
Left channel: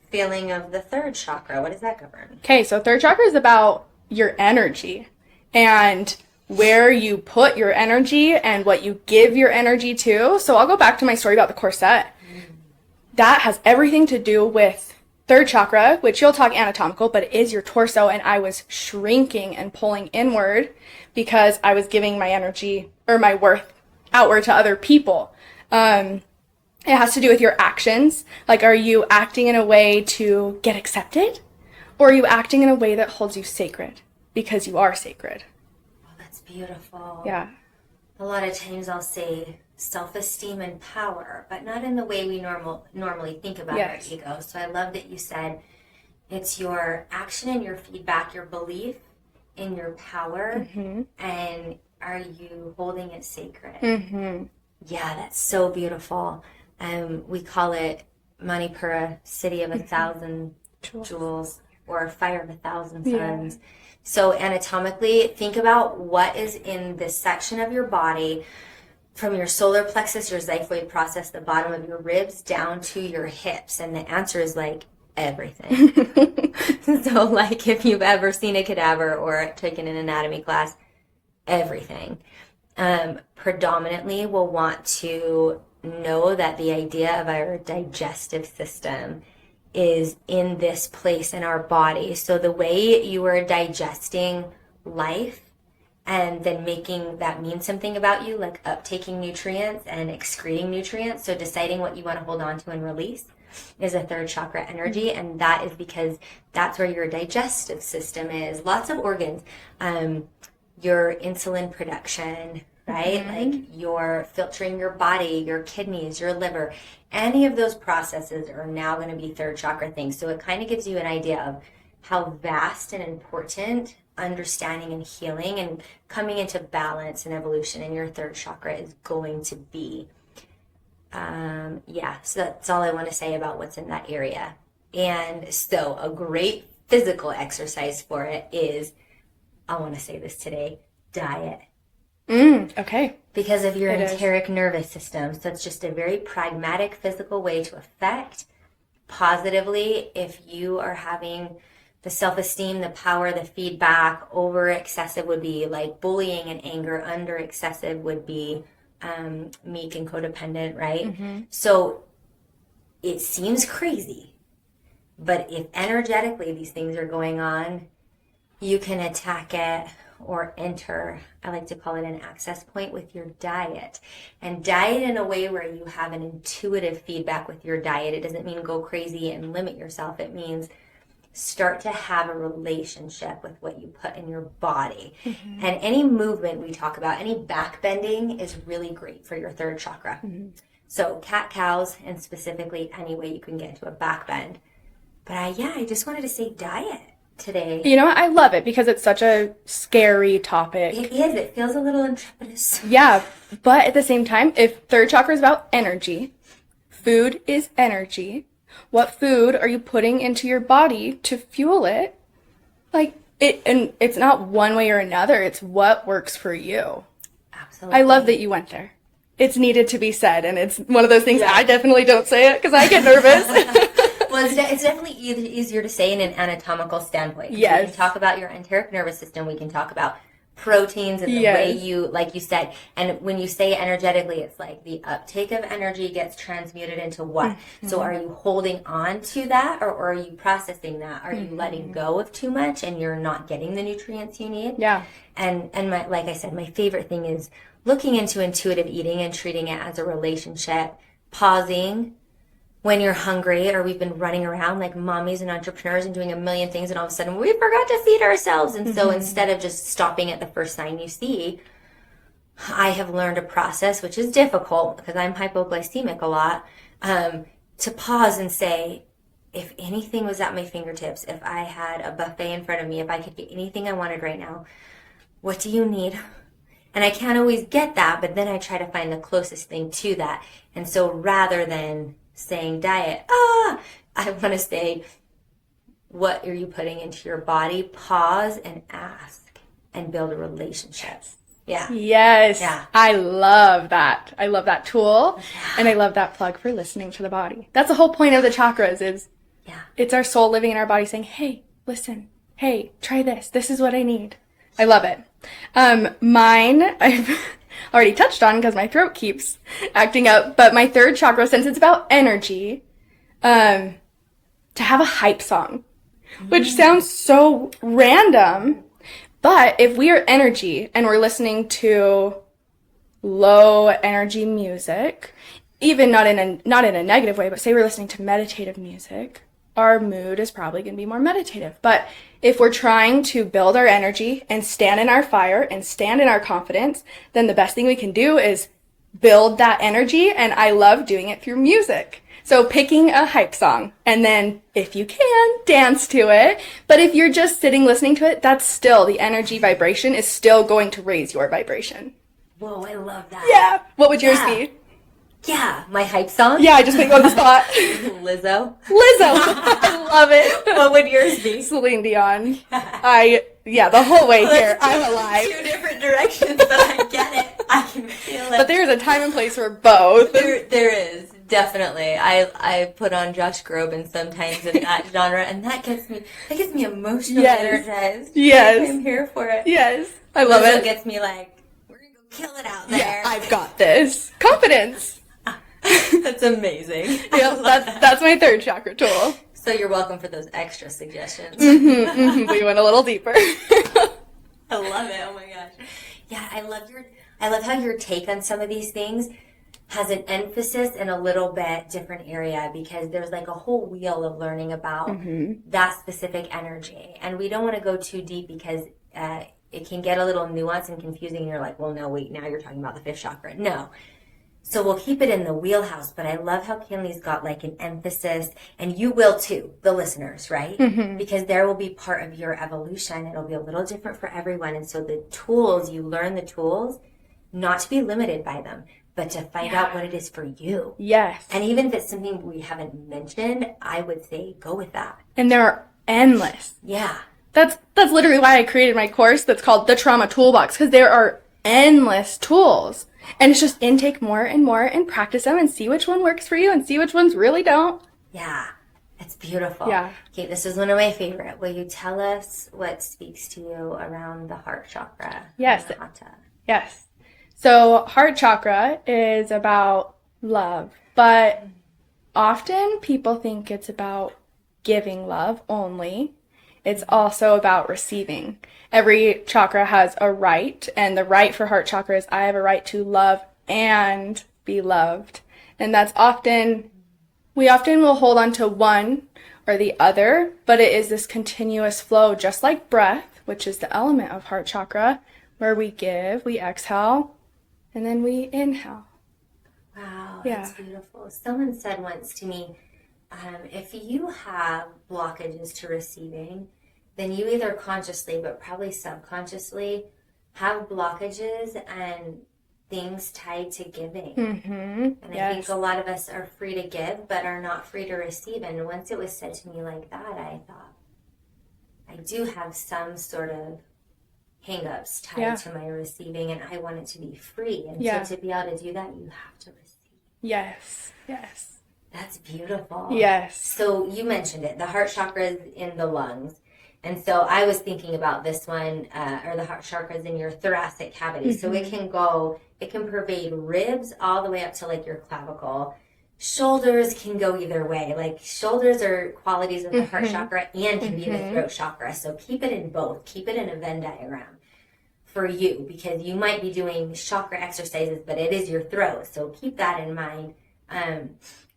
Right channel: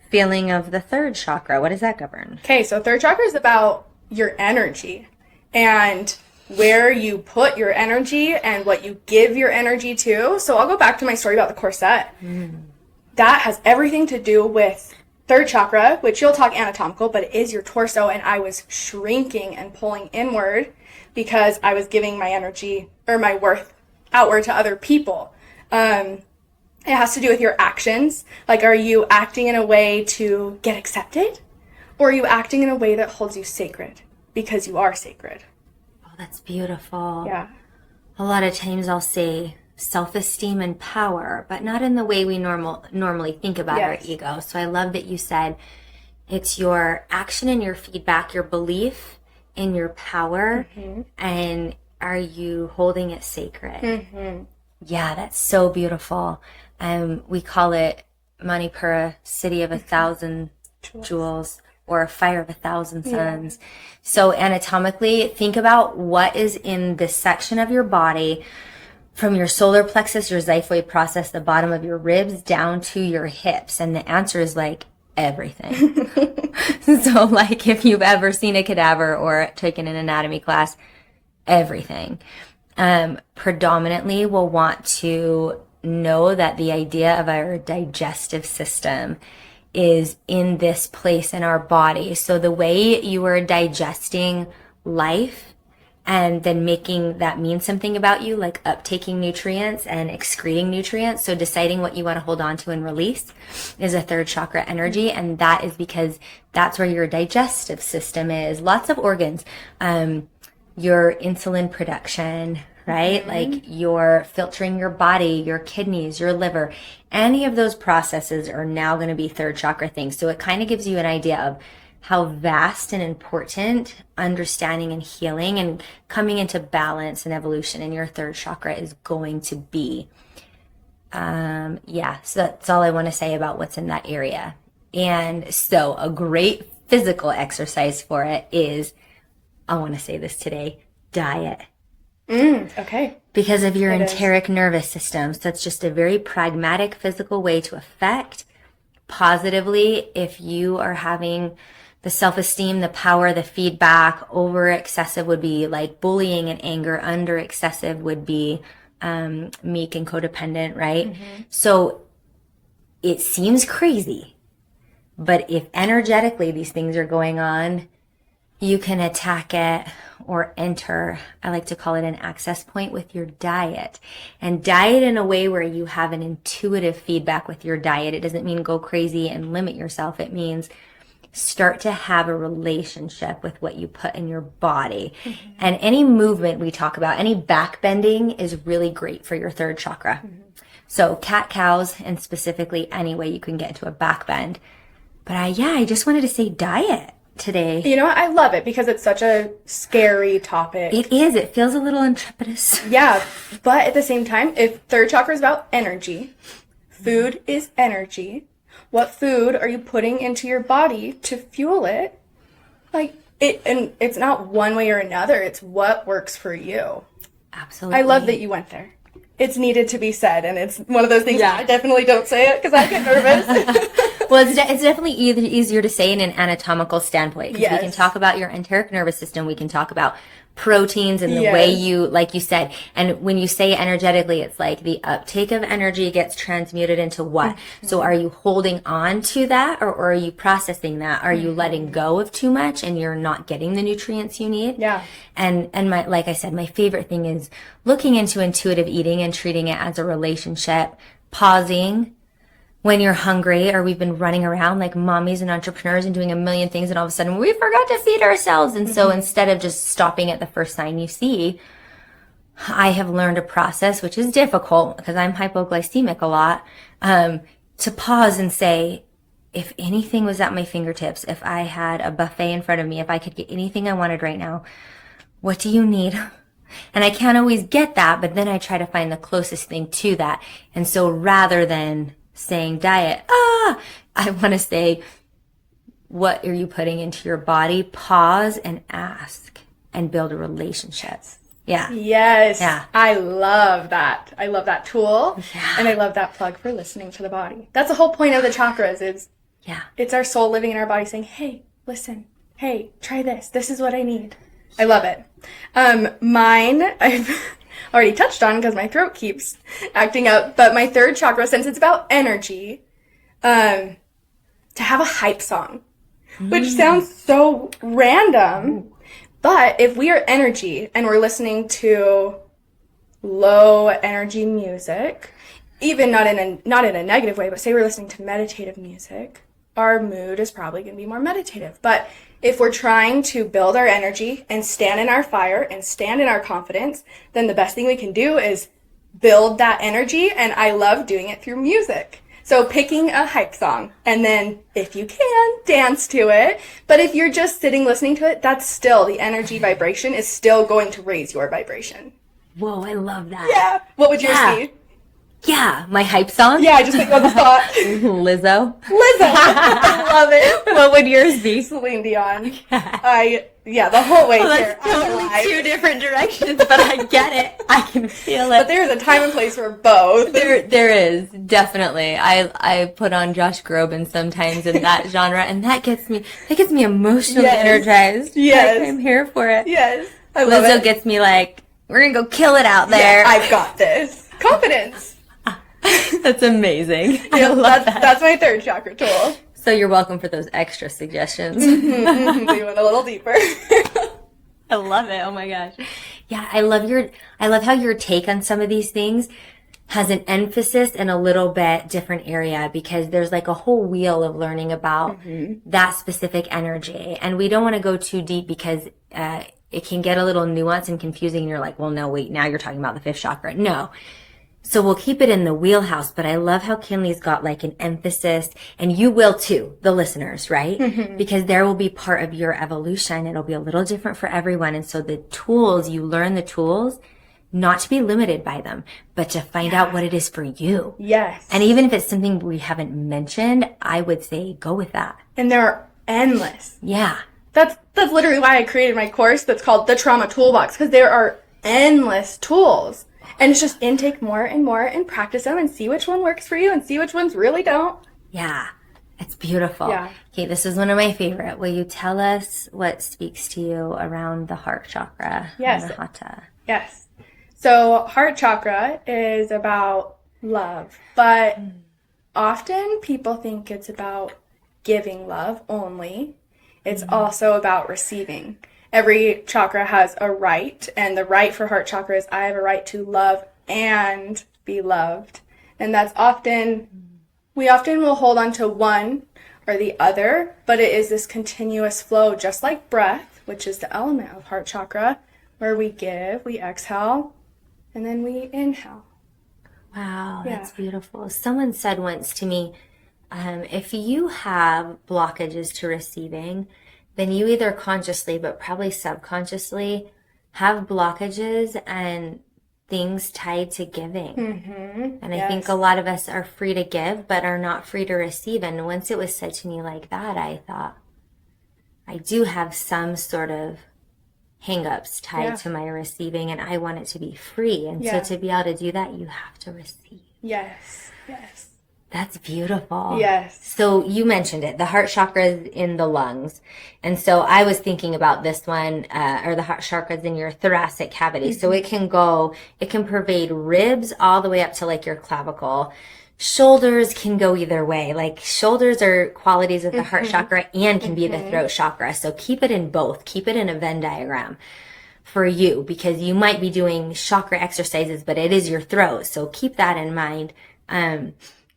feeling of the third chakra? What does that govern? Okay, so third chakra is about your energy and where you put your energy and what you give your energy to. So I'll go back to my story about the corset. That has everything to do with third chakra, which you'll talk anatomical, but it is your torso. And I was shrinking and pulling inward because I was giving my energy or my worth outward to other people. It has to do with your actions. Like, are you acting in a way to get accepted? Or are you acting in a way that holds you sacred because you are sacred? Oh, that's beautiful. Yeah. A lot of times I'll say self-esteem and power, but not in the way we normally think about Yes. our ego. So I love that you said it's your action and your feedback, your belief in your power, and are you holding it sacred? Yeah, that's so beautiful. We call it Manipura, city of 1,000 jewels, or fire of 1,000 suns. So anatomically, think about what is in this section of your body from your solar plexus, your xiphoid process, the bottom of your ribs down to your hips. And the answer is like everything. So like if you've ever seen a cadaver or taken an anatomy class, everything. Predominantly we'll want to know that the idea of our digestive system is in this place in our body. So the way you are digesting life and then making that mean something about you, like uptaking nutrients and excreting nutrients, so deciding what you want to hold on to and release, is a third chakra energy. And that is because that's where your digestive system is. Lots of organs, your insulin production, right? Like you're filtering your body, your kidneys, your liver. Any of those processes are now going to be third chakra things. So it kind of gives you an idea of how vast and important understanding and healing and coming into balance and evolution in your third chakra is going to be. So that's all I want to say about what's in that area. And so a great physical exercise for it is, I want to say this today, diet. Okay. Because of your enteric nervous system. So it's just a very pragmatic physical way to affect positively if you are having the self-esteem, the power, the feedback. Over excessive would be like bullying and anger. Under excessive would be meek and codependent, right? So it seems crazy, but if energetically these things are going on, you can attack it or enter, I like to call it an access point, with your diet. And diet in a way where you have an intuitive feedback with your diet. It doesn't mean go crazy and limit yourself. It means start to have a relationship with what you put in your body. And any movement we talk about, any back bending is really great for your third chakra. So cat-cows, and specifically any way you can get into a back bend. But I just wanted to say diet today. You know what? I love it because it's such a scary topic. It is. It feels a little intrepidous. Yeah, but at the same time, if third chakra is about energy, food is energy. What food are you putting into your body to fuel it? Like it, and it's not one way or another. It's what works for you. Absolutely. I love that you went there. It's needed to be said, and it's one of those things I definitely don't say it because I get nervous. Well, it's definitely easier to say in an anatomical standpoint. Yes. We can talk about your enteric nervous system. We can talk about proteins and the way you, like you said, and when you say energetically, it's like the uptake of energy gets transmuted into what? So are you holding on to that, or are you processing that? Are you letting go of too much and you're not getting the nutrients you need? Yeah. And my, like I said, my favorite thing is looking into intuitive eating and treating it as a relationship, pausing when you're hungry, or we've been running around like mommies and entrepreneurs and doing a million things, and all of a sudden we forgot to feed ourselves. And so instead of just stopping at the first sign you see, I have learned a process, which is difficult because I'm hypoglycemic a lot, to pause and say, if anything was at my fingertips, if I had a buffet in front of me, if I could get anything I wanted right now, what do you need? And I can't always get that, but then I try to find the closest thing to that. And so rather than saying diet, I want to say, what are you putting into your body? Pause and ask and build a relationship. Yeah. Yes. Yeah. I love that. I love that tool. Yeah. And I love that plug for listening to the body. That's the whole point of the chakras is it's our soul living in our body saying, hey, listen. Hey, try this. This is what I need. I love it. Mine, I've already touched on because my throat keeps acting up. But my third chakra, since it's about energy, to have a hype song, which sounds so random. But if we are energy and we're listening to low energy music, even not in a negative way, but say we're listening to meditative music, our mood is probably going to be more meditative. But if we're trying to build our energy and stand in our fire and stand in our confidence, then the best thing we can do is build that energy. And I love doing it through music. So picking a hype song and then, if you can, dance to it. But if you're just sitting listening to it, that's still, the energy vibration is still going to raise your vibration. Whoa, I love that. Yeah. What would yours be? Yeah, my hype song? Yeah, I just think on the spot. Lizzo. I love it. What would yours be? Celine Dion. The whole way here. I'm alive. Two different directions, but I get it. I can feel it. But there's a time and place for both. There is, definitely. I put on Josh Groban sometimes in that genre, and that gets me emotionally energized. Yes. I'm here for it. Yes. I love it. Lizzo gets me like, we're going to go kill it out there. Yeah, I've got this. Confidence. That's amazing. That's my third chakra tool. So you're welcome for those extra suggestions. We went a little deeper. I love it. Oh my gosh. Yeah, I love how your take on some of these things has an emphasis in a little bit different area, because there's like a whole wheel of learning about that specific energy. And we don't want to go too deep because it can get a little nuanced and confusing. And you're like, well, no, wait, now you're talking about the fifth chakra. No. So we'll keep it in the wheelhouse, but I love how Kinley's got like an emphasis, and you will too, the listeners, right? Because there will be part of your evolution. It'll be a little different for everyone. And so the tools, you learn the tools, not to be limited by them, but to find out what it is for you. Yes. And even if it's something we haven't mentioned, I would say go with that. And they're endless. Yeah. That's literally why I created my course that's called the Trauma Toolbox, because there are endless tools. And it's just intake more and more and practice them and see which one works for you and see which ones really don't. Yeah, it's beautiful. Yeah. Okay, this is one of my favorite. Will you tell us what speaks to you around the heart chakra? Yes. And the Hatha? Yes. So heart chakra is about love, but often people think it's about giving love only. It's also about receiving. Every chakra has a right, and the right for heart chakra is I have a right to love and be loved. And that's we often will hold on to one or the other, but it is this continuous flow, just like breath, which is the element of heart chakra, where we give, we exhale, and then we inhale. Wow, that's beautiful. Someone said once to me, if you have blockages to receiving, then you either consciously, but probably subconsciously, have blockages and things tied to giving. And I think a lot of us are free to give, but are not free to receive. And once it was said to me like that, I thought, I do have some sort of hang-ups tied to my receiving, and I want it to be free. And so to be able to do that, you have to receive. Yes. That's beautiful. Yes. So you mentioned it, the heart chakra is in the lungs. And so I was thinking about this one, or the heart chakra is in your thoracic cavity. So it can pervade ribs all the way up to like your clavicle. Shoulders can go either way. Like shoulders are qualities of the heart chakra and can be the throat chakra. So keep it in both. Keep it in a Venn diagram for you, because you might be doing chakra exercises, but it is your throat. So keep that in mind.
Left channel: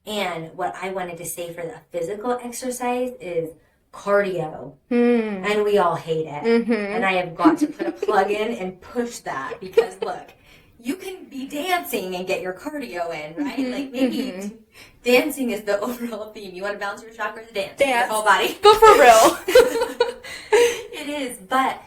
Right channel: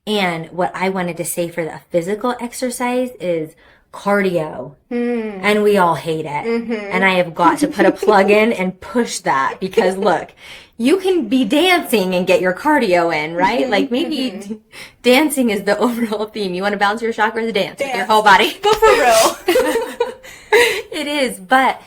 And what I wanted to say for the physical exercise is cardio. And we all hate it. And I have got to put a plug in and push that, because look, you can be dancing and get your cardio in, right? Like maybe dancing is the overall theme. You want to balance your chakras, dance with your whole body. But for real. It is, but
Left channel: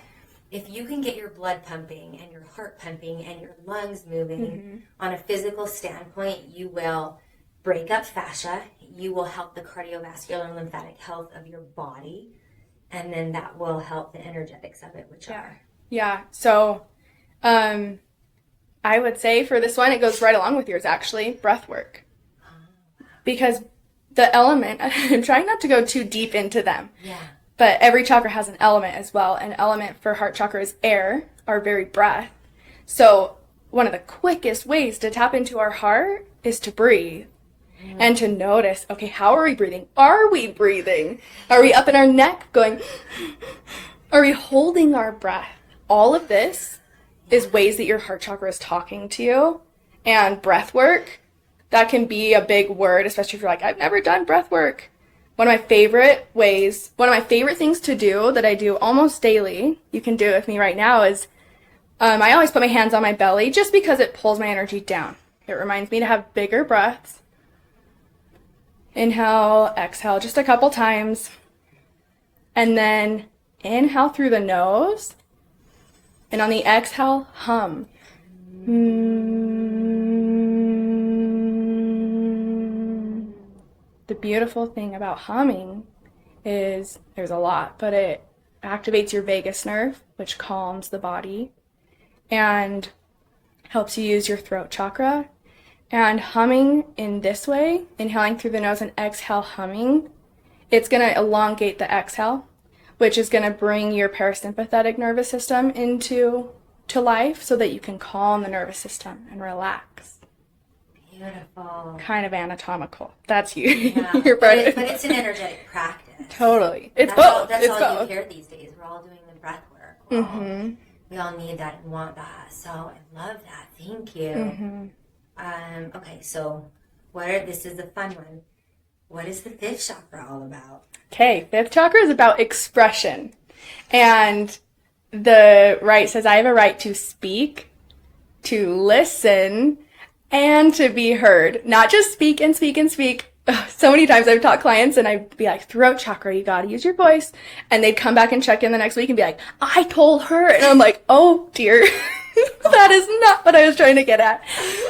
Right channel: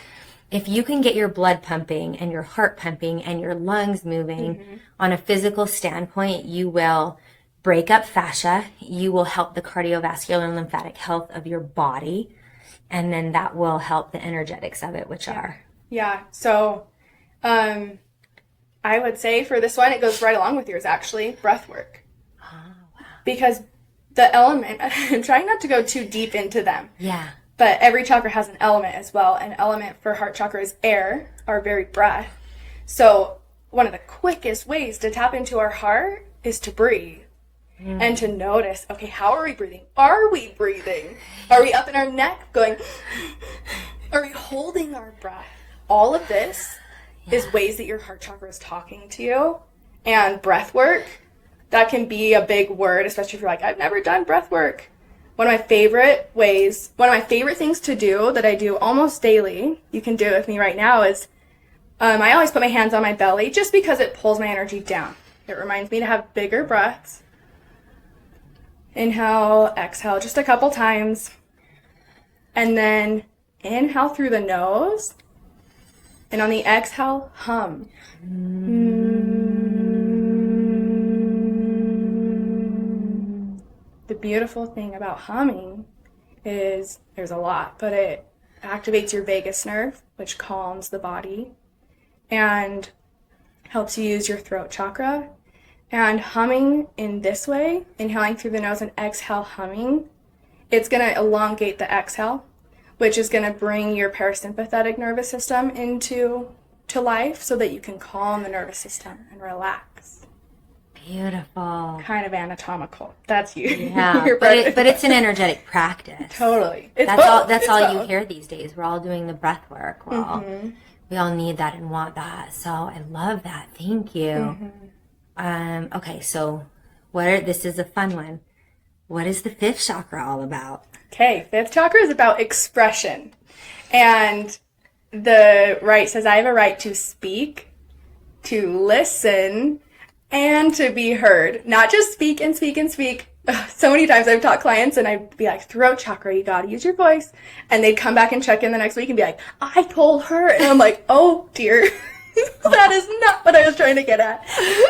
if you can get your blood pumping and your heart pumping and your lungs moving on a physical standpoint, you will break up fascia, you will help the cardiovascular and lymphatic health of your body, and then that will help the energetics of it, which are. Yeah. So I would say for this one, it goes right along with yours, actually, breath work. Oh, wow. Because the element, I'm trying not to go too deep into them. Yeah. But every chakra has an element as well. An element for heart chakra is air, our very breath. So one of the quickest ways to tap into our heart is to breathe and to notice, okay, how are we breathing? Are we breathing? Are we up in our neck going, are we holding our breath? All of this is ways that your heart chakra is talking to you. And breath work, that can be a big word, especially if you're like, I've never done breath work. One of my favorite things to do that I do almost daily, you can do it with me right now, is I always put my hands on my belly just because it pulls my energy down. It reminds me to have bigger breaths. Inhale, exhale just a couple times. And then inhale through the nose. And on the exhale, hum. The beautiful thing about humming is there's a lot, but it activates your vagus nerve, which calms the body and helps you use your throat chakra. And humming in this way, inhaling through the nose and exhale humming, it's going to elongate the exhale, which is going to bring your parasympathetic nervous system into life so that you can calm the nervous system and relax. Beautiful. Kind of anatomical. That's you. Yeah, but it's an energetic practice. Totally. That's all you hear these days. We're all doing the breath work. We all need that and want that. So I love that. Thank you. Okay, so this is a fun one. What is the fifth chakra all about? Okay, fifth chakra is about expression. And the right says, I have a right to speak, to listen, and to be heard. Not just speak and speak and speak. So many times I've taught clients and I'd be like, throat chakra, you gotta use your voice. And they'd come back and check in the next week and be like, I told her. And I'm like, oh dear, that is not what I was trying to get at.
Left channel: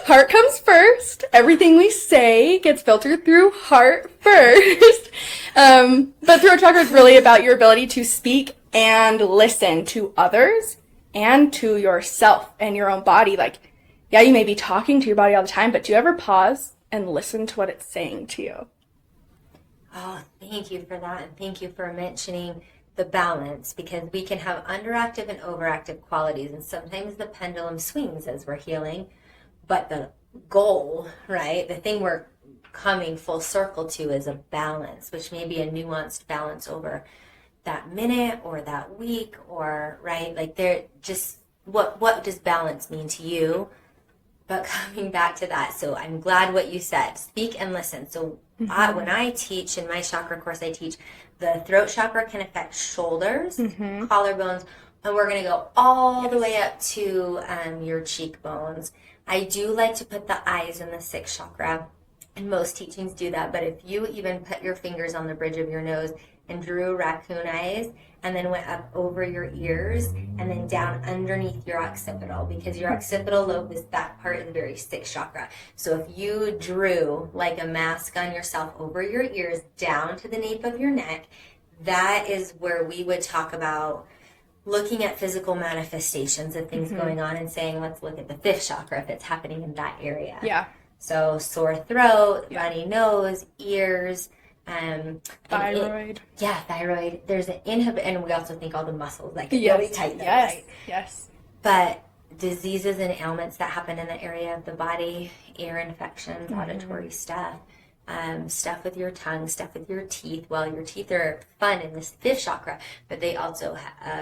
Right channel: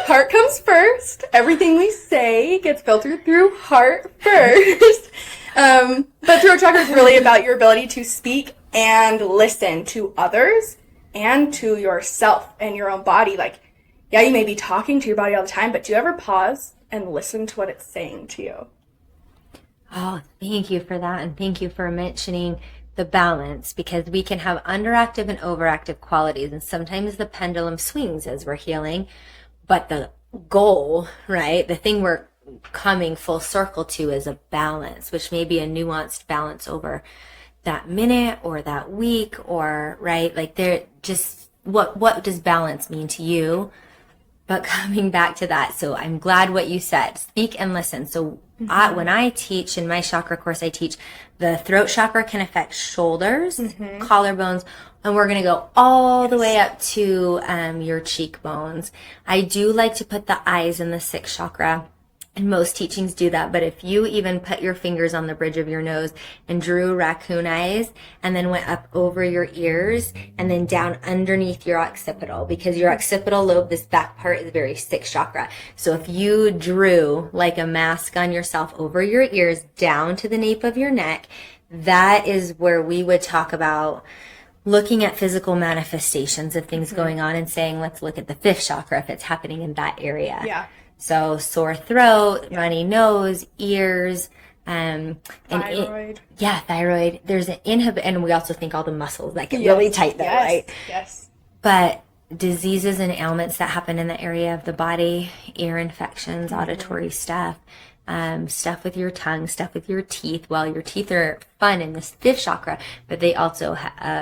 Heart comes first. Everything we say gets filtered through heart first. But throat chakra is really about your ability to speak and listen to others and to yourself and your own body. Like, yeah, you may be talking to your body all the time, but do you ever pause and listen to what it's saying to you? Oh, thank you for that. And thank you for mentioning the balance, because we can have underactive and overactive qualities. And sometimes the pendulum swings as we're healing. But the goal, right, the thing we're coming full circle to is a balance, which may be a nuanced balance over that minute or that week, or, right, like they're just, what does balance mean to you? But coming back to that, so I'm glad what you said, speak and listen. So when I teach in my chakra course, I teach the throat chakra can affect shoulders, collarbones, and we're going to go all the way up to your cheekbones. I do like to put the eyes in the sixth chakra, and most teachings do that. But if you even put your fingers on the bridge of your nose and drew raccoon eyes and then went up over your ears and then down underneath your occipital, because your occipital lobe, this back part, is very sixth chakra. So if you drew like a mask on yourself over your ears down to the nape of your neck, that is where we would talk about looking at physical manifestations of things going on and saying, let's look at the fifth chakra if it's happening in that area. Yeah. So sore throat, runny nose, ears, thyroid. Thyroid. There's an and we also think all the muscles that get really tight there, right? Yes. But diseases and ailments that happen in the area of the body, ear infections, auditory stuff, stuff with your tongue, stuff with your teeth. Well, your teeth are fun in this fifth chakra, but they also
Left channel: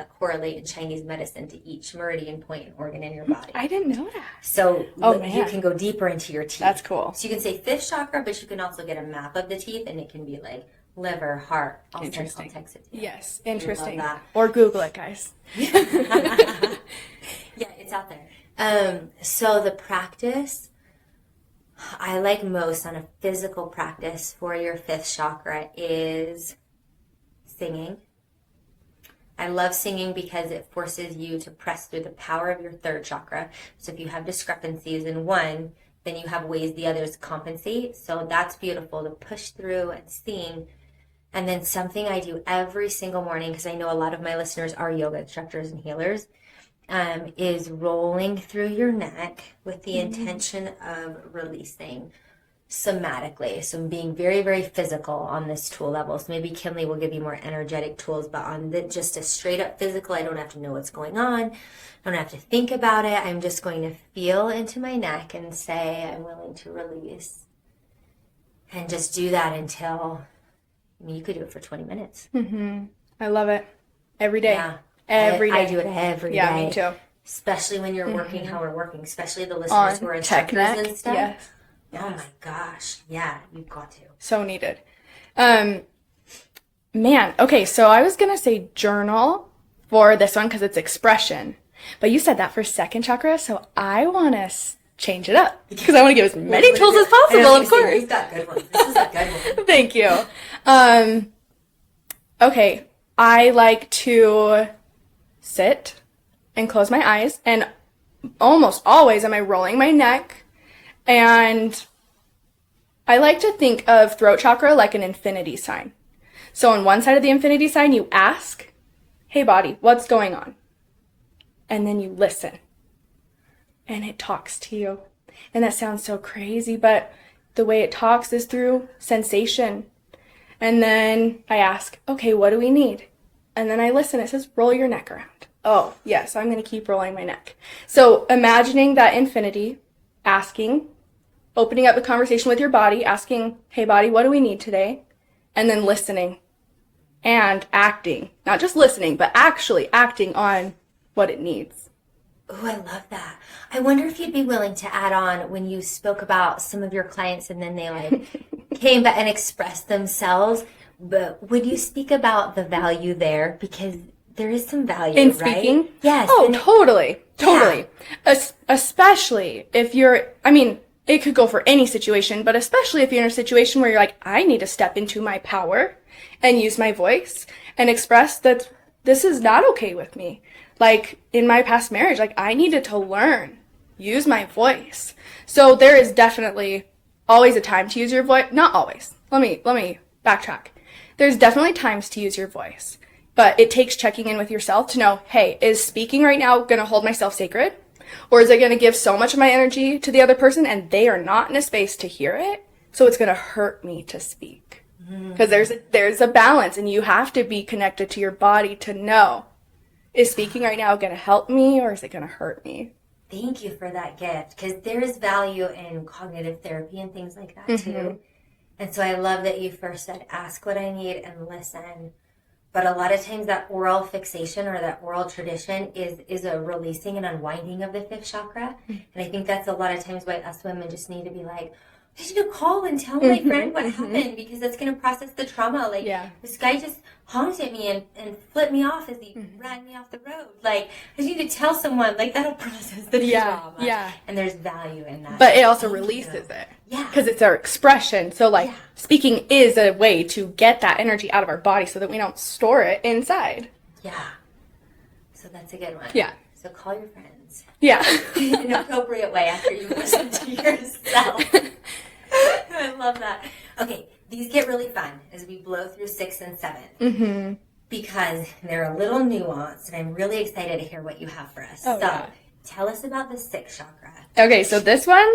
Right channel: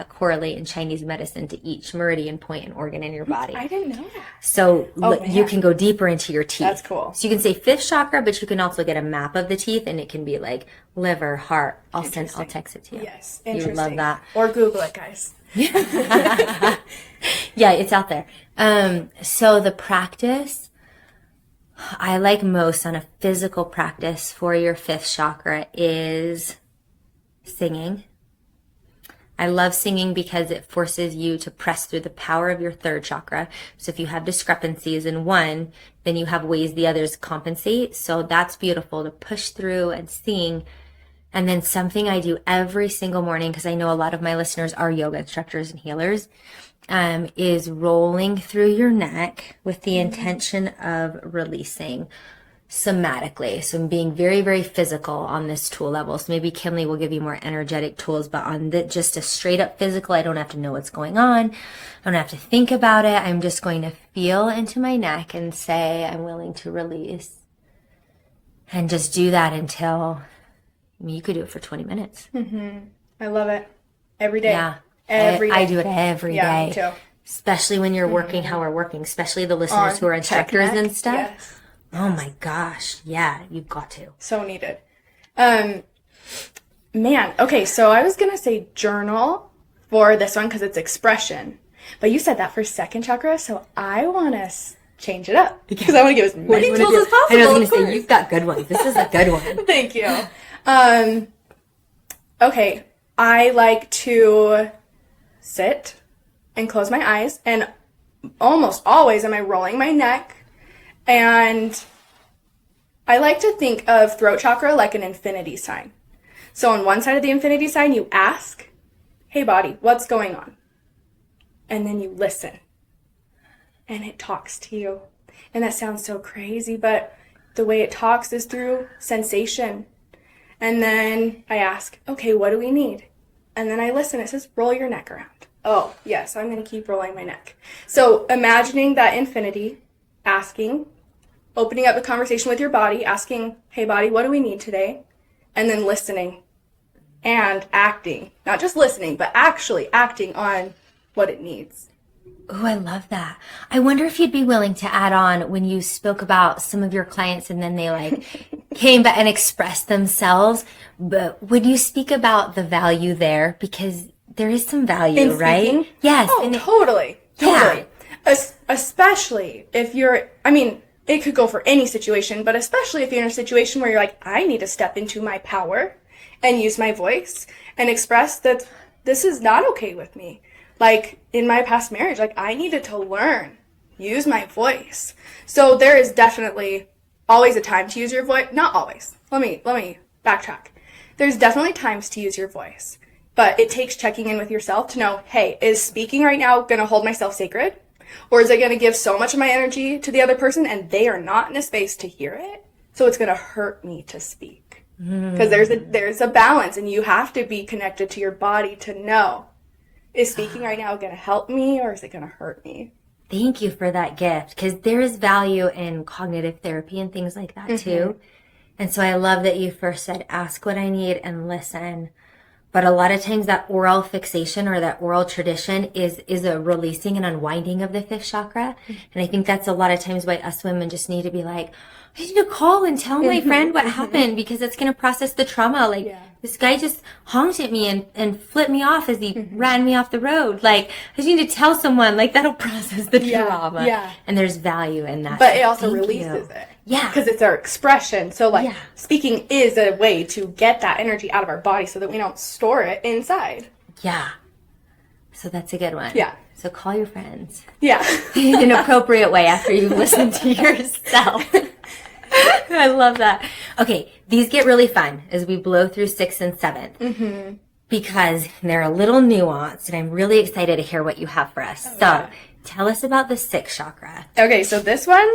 correlate in Chinese medicine to each meridian point and organ in your body. I didn't know that. So you can go deeper into your teeth. That's cool. So you can say fifth chakra, but you can also get a map of the teeth, and it can be like liver, heart. I'll text it to you. Yes, interesting. You would love that. Or Google it, guys. Yeah, it's out there. So the practice I like most on a physical practice for your fifth chakra is singing. I love singing because it forces you to press through the power of your third chakra. So if you have discrepancies in one, then you have ways the others compensate. So that's beautiful to push through and sing. And then something I do every single morning, because I know a lot of my listeners are yoga instructors and healers, is rolling through your neck with the intention of releasing somatically. So I'm being very, very physical on this tool level. So maybe Kinley will give you more energetic tools, but on just a straight up physical, I don't have to know what's going on. I don't have to think about it. I'm just going to feel into my neck and say, I'm willing to release. And just do that until, I mean, you could do it for 20 minutes. I love it. Every day. Yeah. Every day. I do it every day. Yeah, me too. Especially when you're working how we're working, especially the listeners who are instructors and stuff. Yes. Oh my gosh. Yeah, you've got to. So needed. Man, okay, so I was going to say journal for this one because it's expression. But you said that for second chakra, so I want to change it up because I want to give as many tools as possible, of course. You've got good ones. This is a good one. Thank you. Okay, I like to sit and close my eyes, and almost always am I rolling my neck. And I like to think of throat chakra like an infinity sign. So on one side of the infinity sign, you ask, hey body, what's going on? And then you listen. And it talks to you. And that sounds so crazy, but the way it talks is through sensation. And then I ask, okay, what do we need? And then I listen. It says, roll your neck around. Oh, yes, I'm going to keep rolling my neck. So imagining that infinity, asking, opening up the conversation with your body, asking, hey body, what do we need today? And then listening and acting. Not just listening, but actually acting on what it needs. Oh, I love that. I wonder if you'd be willing to add on when you spoke about some of your clients and then they like came back and expressed themselves. But would you speak about the value there? Because there is some value, in right? Speaking? Yes. Oh, totally. Totally. Yeah. Especially if you're, I mean, it could go for any situation, but especially if you're in a situation where you're like, I need to step into my power and use my voice and express that this is not okay with me. Like in my past marriage, like I needed to learn, use my voice. So there is definitely always a time to use your voice. Not always. Let me backtrack. There's definitely times to use your voice, but it takes checking in with yourself to know, hey, is speaking right now going to hold myself sacred? Or is it going to give so much of my energy to the other person and they are not in a space to hear it? So it's going to hurt me to speak. Because there's a balance and you have to be connected to your body to know, is speaking right now going to help me or is it going to hurt me? Thank you for that gift, because there is value in cognitive therapy and things like that too. And so I love that you first said, ask what I need and listen. But a lot of times that oral fixation or that oral tradition is a releasing and unwinding of the fifth chakra. And I think that's a lot of times why us women just need to be like, I need to call and tell my friend what happened, because it's going to process the trauma. Like, this guy just honked at me and flipped me off as he ran me off the road. Like, I just need to tell someone, like, that'll process the trauma. Yeah. And there's value in that. But it also releases it. Yeah. Because it's our expression. So, like, speaking is a way to get that energy out of our body so that we don't store it inside. Yeah. So that's a good one. Yeah. So call your friends. Yeah. In an appropriate way after you listen to yourself. I love that. Okay, these get really fun as we blow through 6th and 7th. Because they're a little nuanced, and I'm really excited to hear what you have for us. Tell us about the 6th chakra. Okay, so this one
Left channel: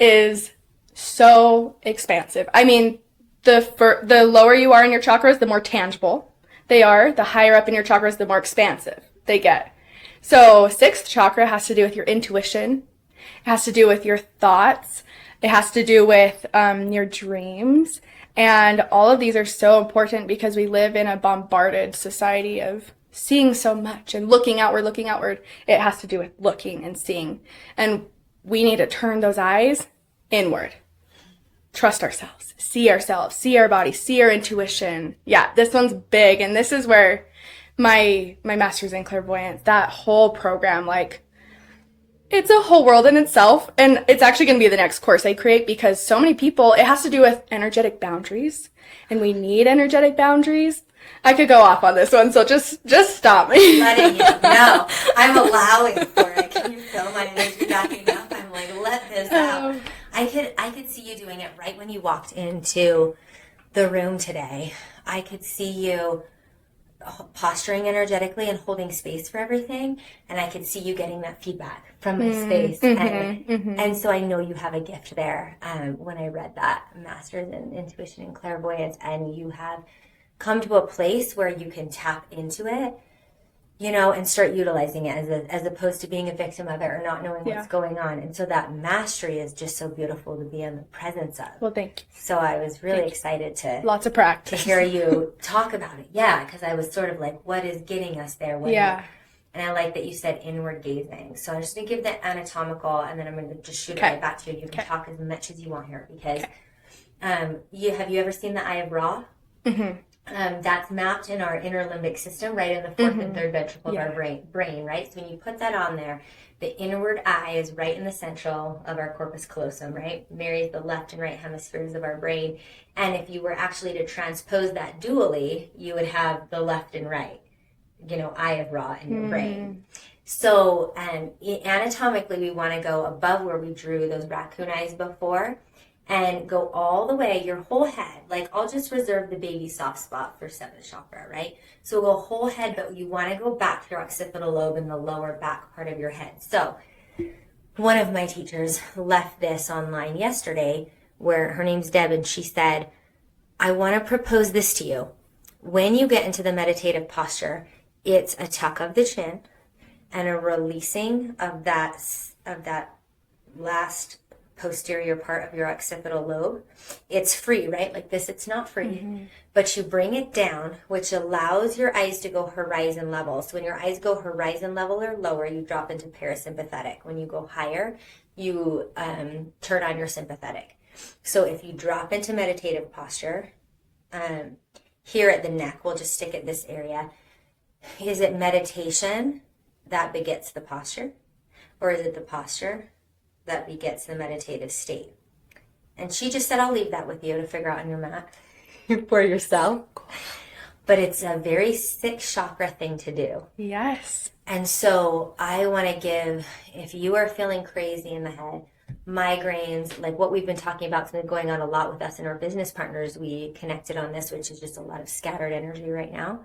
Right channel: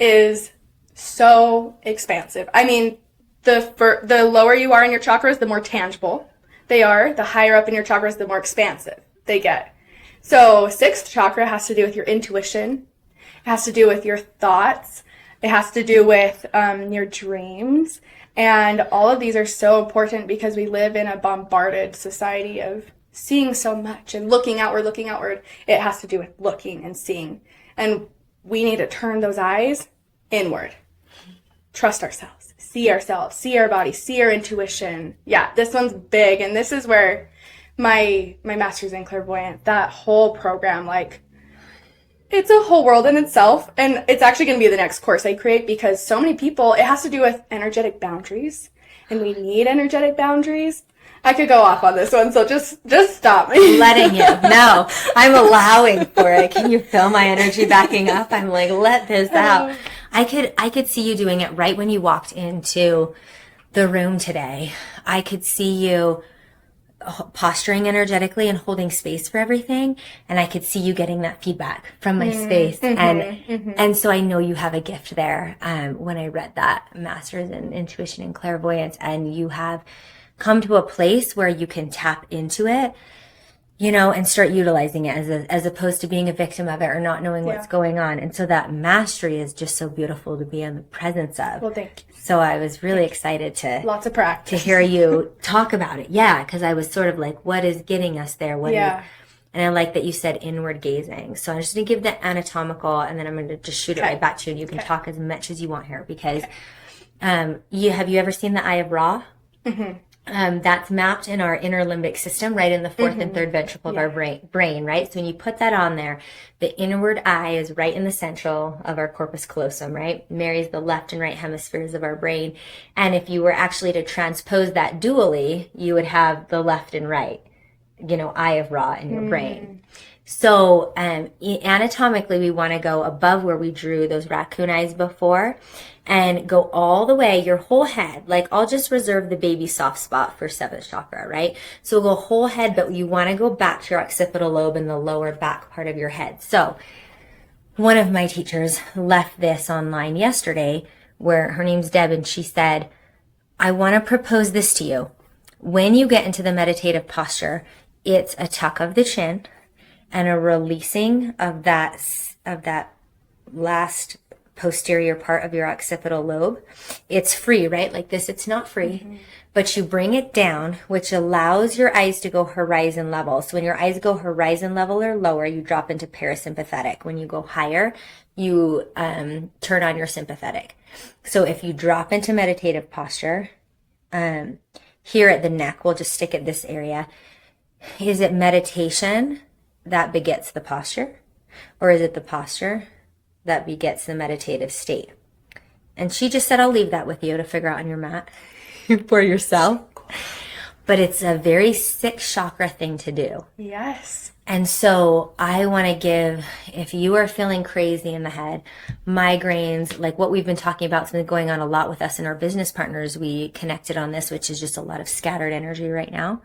is so expansive. I mean, the lower you are in your chakras, the more tangible they are. The higher up in your chakras, the more expansive they get. So 6th chakra has to do with your intuition. It has to do with your thoughts. It has to do with your dreams. And all of these are so important because we live in a bombarded society of seeing so much and looking outward. It has to do with looking and seeing. And we need to turn those eyes inward. Trust ourselves, see our body, see our intuition. Yeah, this one's big. And this is where my master's in clairvoyance, that whole program, like, it's a whole world in itself. And it's actually going to be the next course I create because so many people, it has to do with energetic boundaries. And we need energetic boundaries. I could go off on this one, so just stop me. Letting you. No, I'm allowing for it. Can you feel my energy backing up? I'm like, let this out. I could see you doing it right when you walked into the room today. I could see you posturing energetically and holding space for everything, and I could see you getting that feedback from my space, and so I know you have a gift there. When I read that master's in Intuition and Clairvoyance, and you have come to a place where you can tap into it, and start utilizing it as opposed to being a victim of it or not knowing what's going on. And so that mastery is just so beautiful to be in the presence of. Well, thank you. So I was really excited to lots of practice to hear you talk about it. Yeah, because I was sort of like, what is getting us there? And I like that you said inward gazing. So I'm just going to give the anatomical, and then I'm going to just shoot it right back to you, and you can talk as much as you want here, because have you ever seen the Eye of Ra? That's mapped in our inner limbic system, right in the fourth and third ventricle of our brain, right? So when you put that on there, the inward eye is right in the central of our corpus callosum, right? Marries the left and right hemispheres of our brain. And if you were actually to transpose that dually, you would have the left and right, Eye of Ra in your brain. So anatomically, we want to go above where we drew those raccoon eyes before, and go all the way, your whole head. Like, I'll just reserve the baby soft spot for seventh chakra, right? So we'll go whole head, but you want to go back to your occipital lobe in the lower back part of your head. So one of my teachers left this online yesterday, where her name's Deb, and she said, I want to propose this to you. When you get into the meditative posture, it's a tuck of the chin and a releasing of that last posterior part of your occipital lobe. It's free, right? Like this, it's not free, but you bring it down, which allows your eyes to go horizon level. So when your eyes go horizon level or lower, you drop into parasympathetic. When you go higher, you turn on your sympathetic. So if you drop into meditative posture, here at the neck, we'll just stick at this area. Is it meditation that begets the posture? Or is it the posture that begets the meditative state? And she just said, I'll leave that with you to figure out on your mat for yourself. But it's a very sixth chakra thing to do. Yes. And so I want to give, if you are feeling crazy in the head, migraines, like what we've been talking about, something going on a lot with us and our business partners, we connected on this, which is just a lot of scattered energy right now.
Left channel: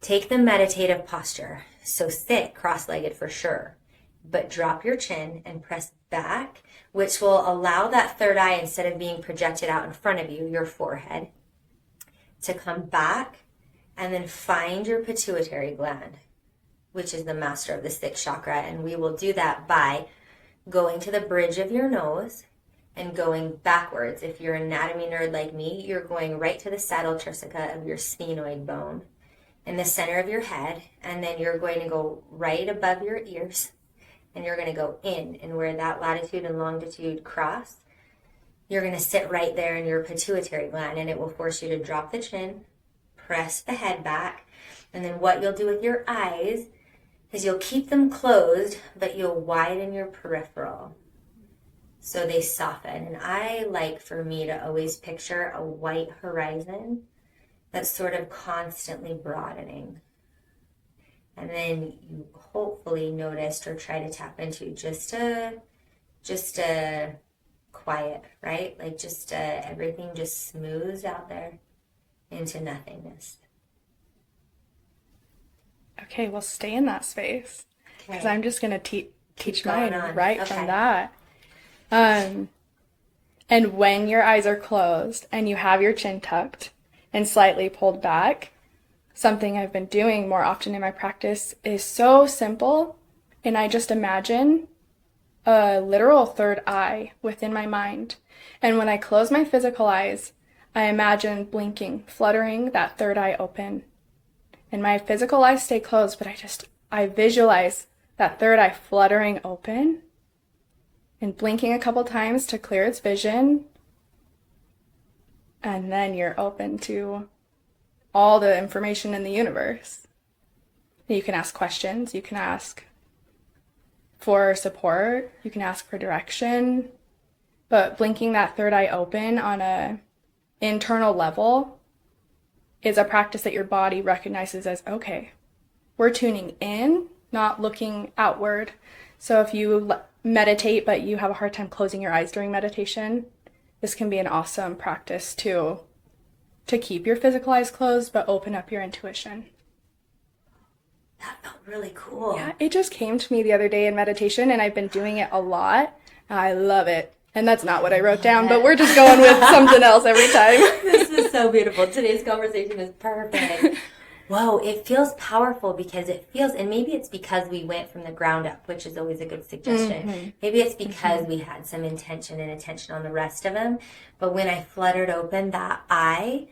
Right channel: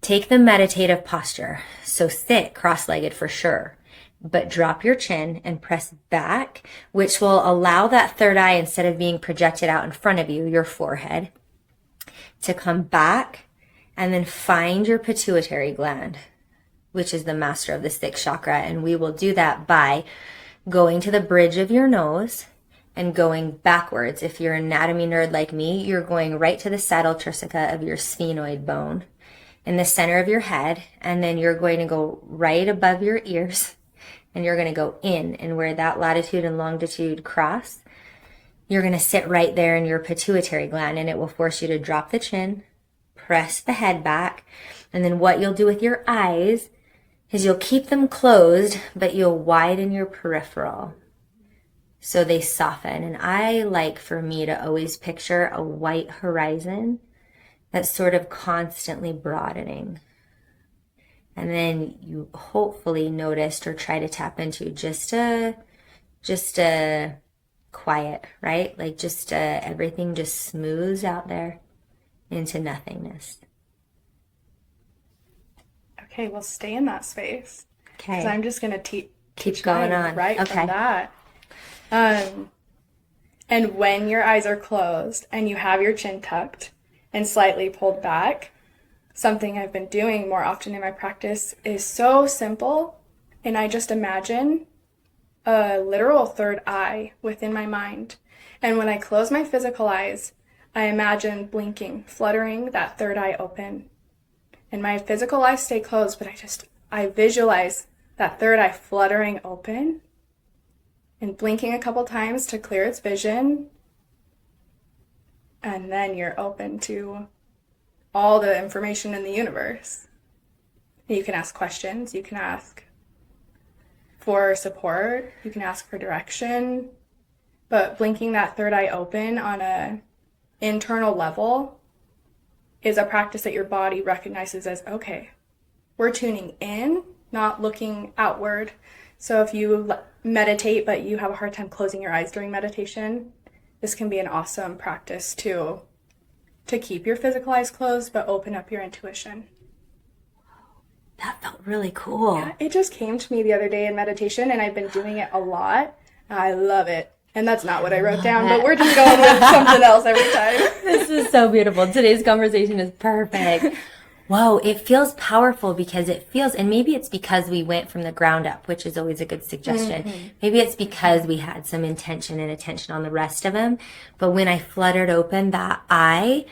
Take the meditative posture. So sit cross-legged for sure, but drop your chin and press back, which will allow that third eye, instead of being projected out in front of you, your forehead, to come back, and then find your pituitary gland, which is the master of the sixth chakra. And we will do that by going to the bridge of your nose and going backwards. If you're an anatomy nerd like me, you're going right to the saddle tristica of your sphenoid bone in the center of your head, and then you're going to go right above your ears, and you're going to go in, and where that latitude and longitude cross, you're going to sit right there in your pituitary gland, and it will force you to drop the chin, press the head back, and then what you'll do with your eyes is you'll keep them closed, but you'll widen your peripheral so they soften. And I like for me to always picture a white horizon that's sort of constantly broadening. And then you hopefully noticed or try to tap into just a quiet, right? Like just everything just smooths out there into nothingness. Okay, we'll stay in that space. Okay. Because I'm just going to teach going on right from that. And when your eyes are closed and you have your chin tucked and slightly pulled back, something I've been doing more often in my practice is so simple, and I just imagine a literal third eye within my mind. And when I close my physical eyes, I imagine blinking, fluttering that third eye open. And my physical eyes stay closed, but I visualize that third eye fluttering open and blinking a couple times to clear its vision. And then you're open to all the information in the universe. You can ask questions, you can ask for support, you can ask for direction, but blinking that third eye open on a internal level is a practice that your body recognizes as, okay, we're tuning in, not looking outward. So if you meditate, but you have a hard time closing your eyes during meditation, this can be an awesome practice to keep your physical eyes closed, but open up your intuition. That felt really cool. Yeah, it just came to me the other day in meditation, and I've been doing it a lot. I love it. And that's not what I wrote down, but we're just going with something else every time. This is so beautiful. Today's conversation is perfect. Whoa, it feels powerful because it feels, and maybe it's because we went from the ground up, which is always a good suggestion. Maybe it's because we had some intention and attention on the rest of them. But when I fluttered open that eye,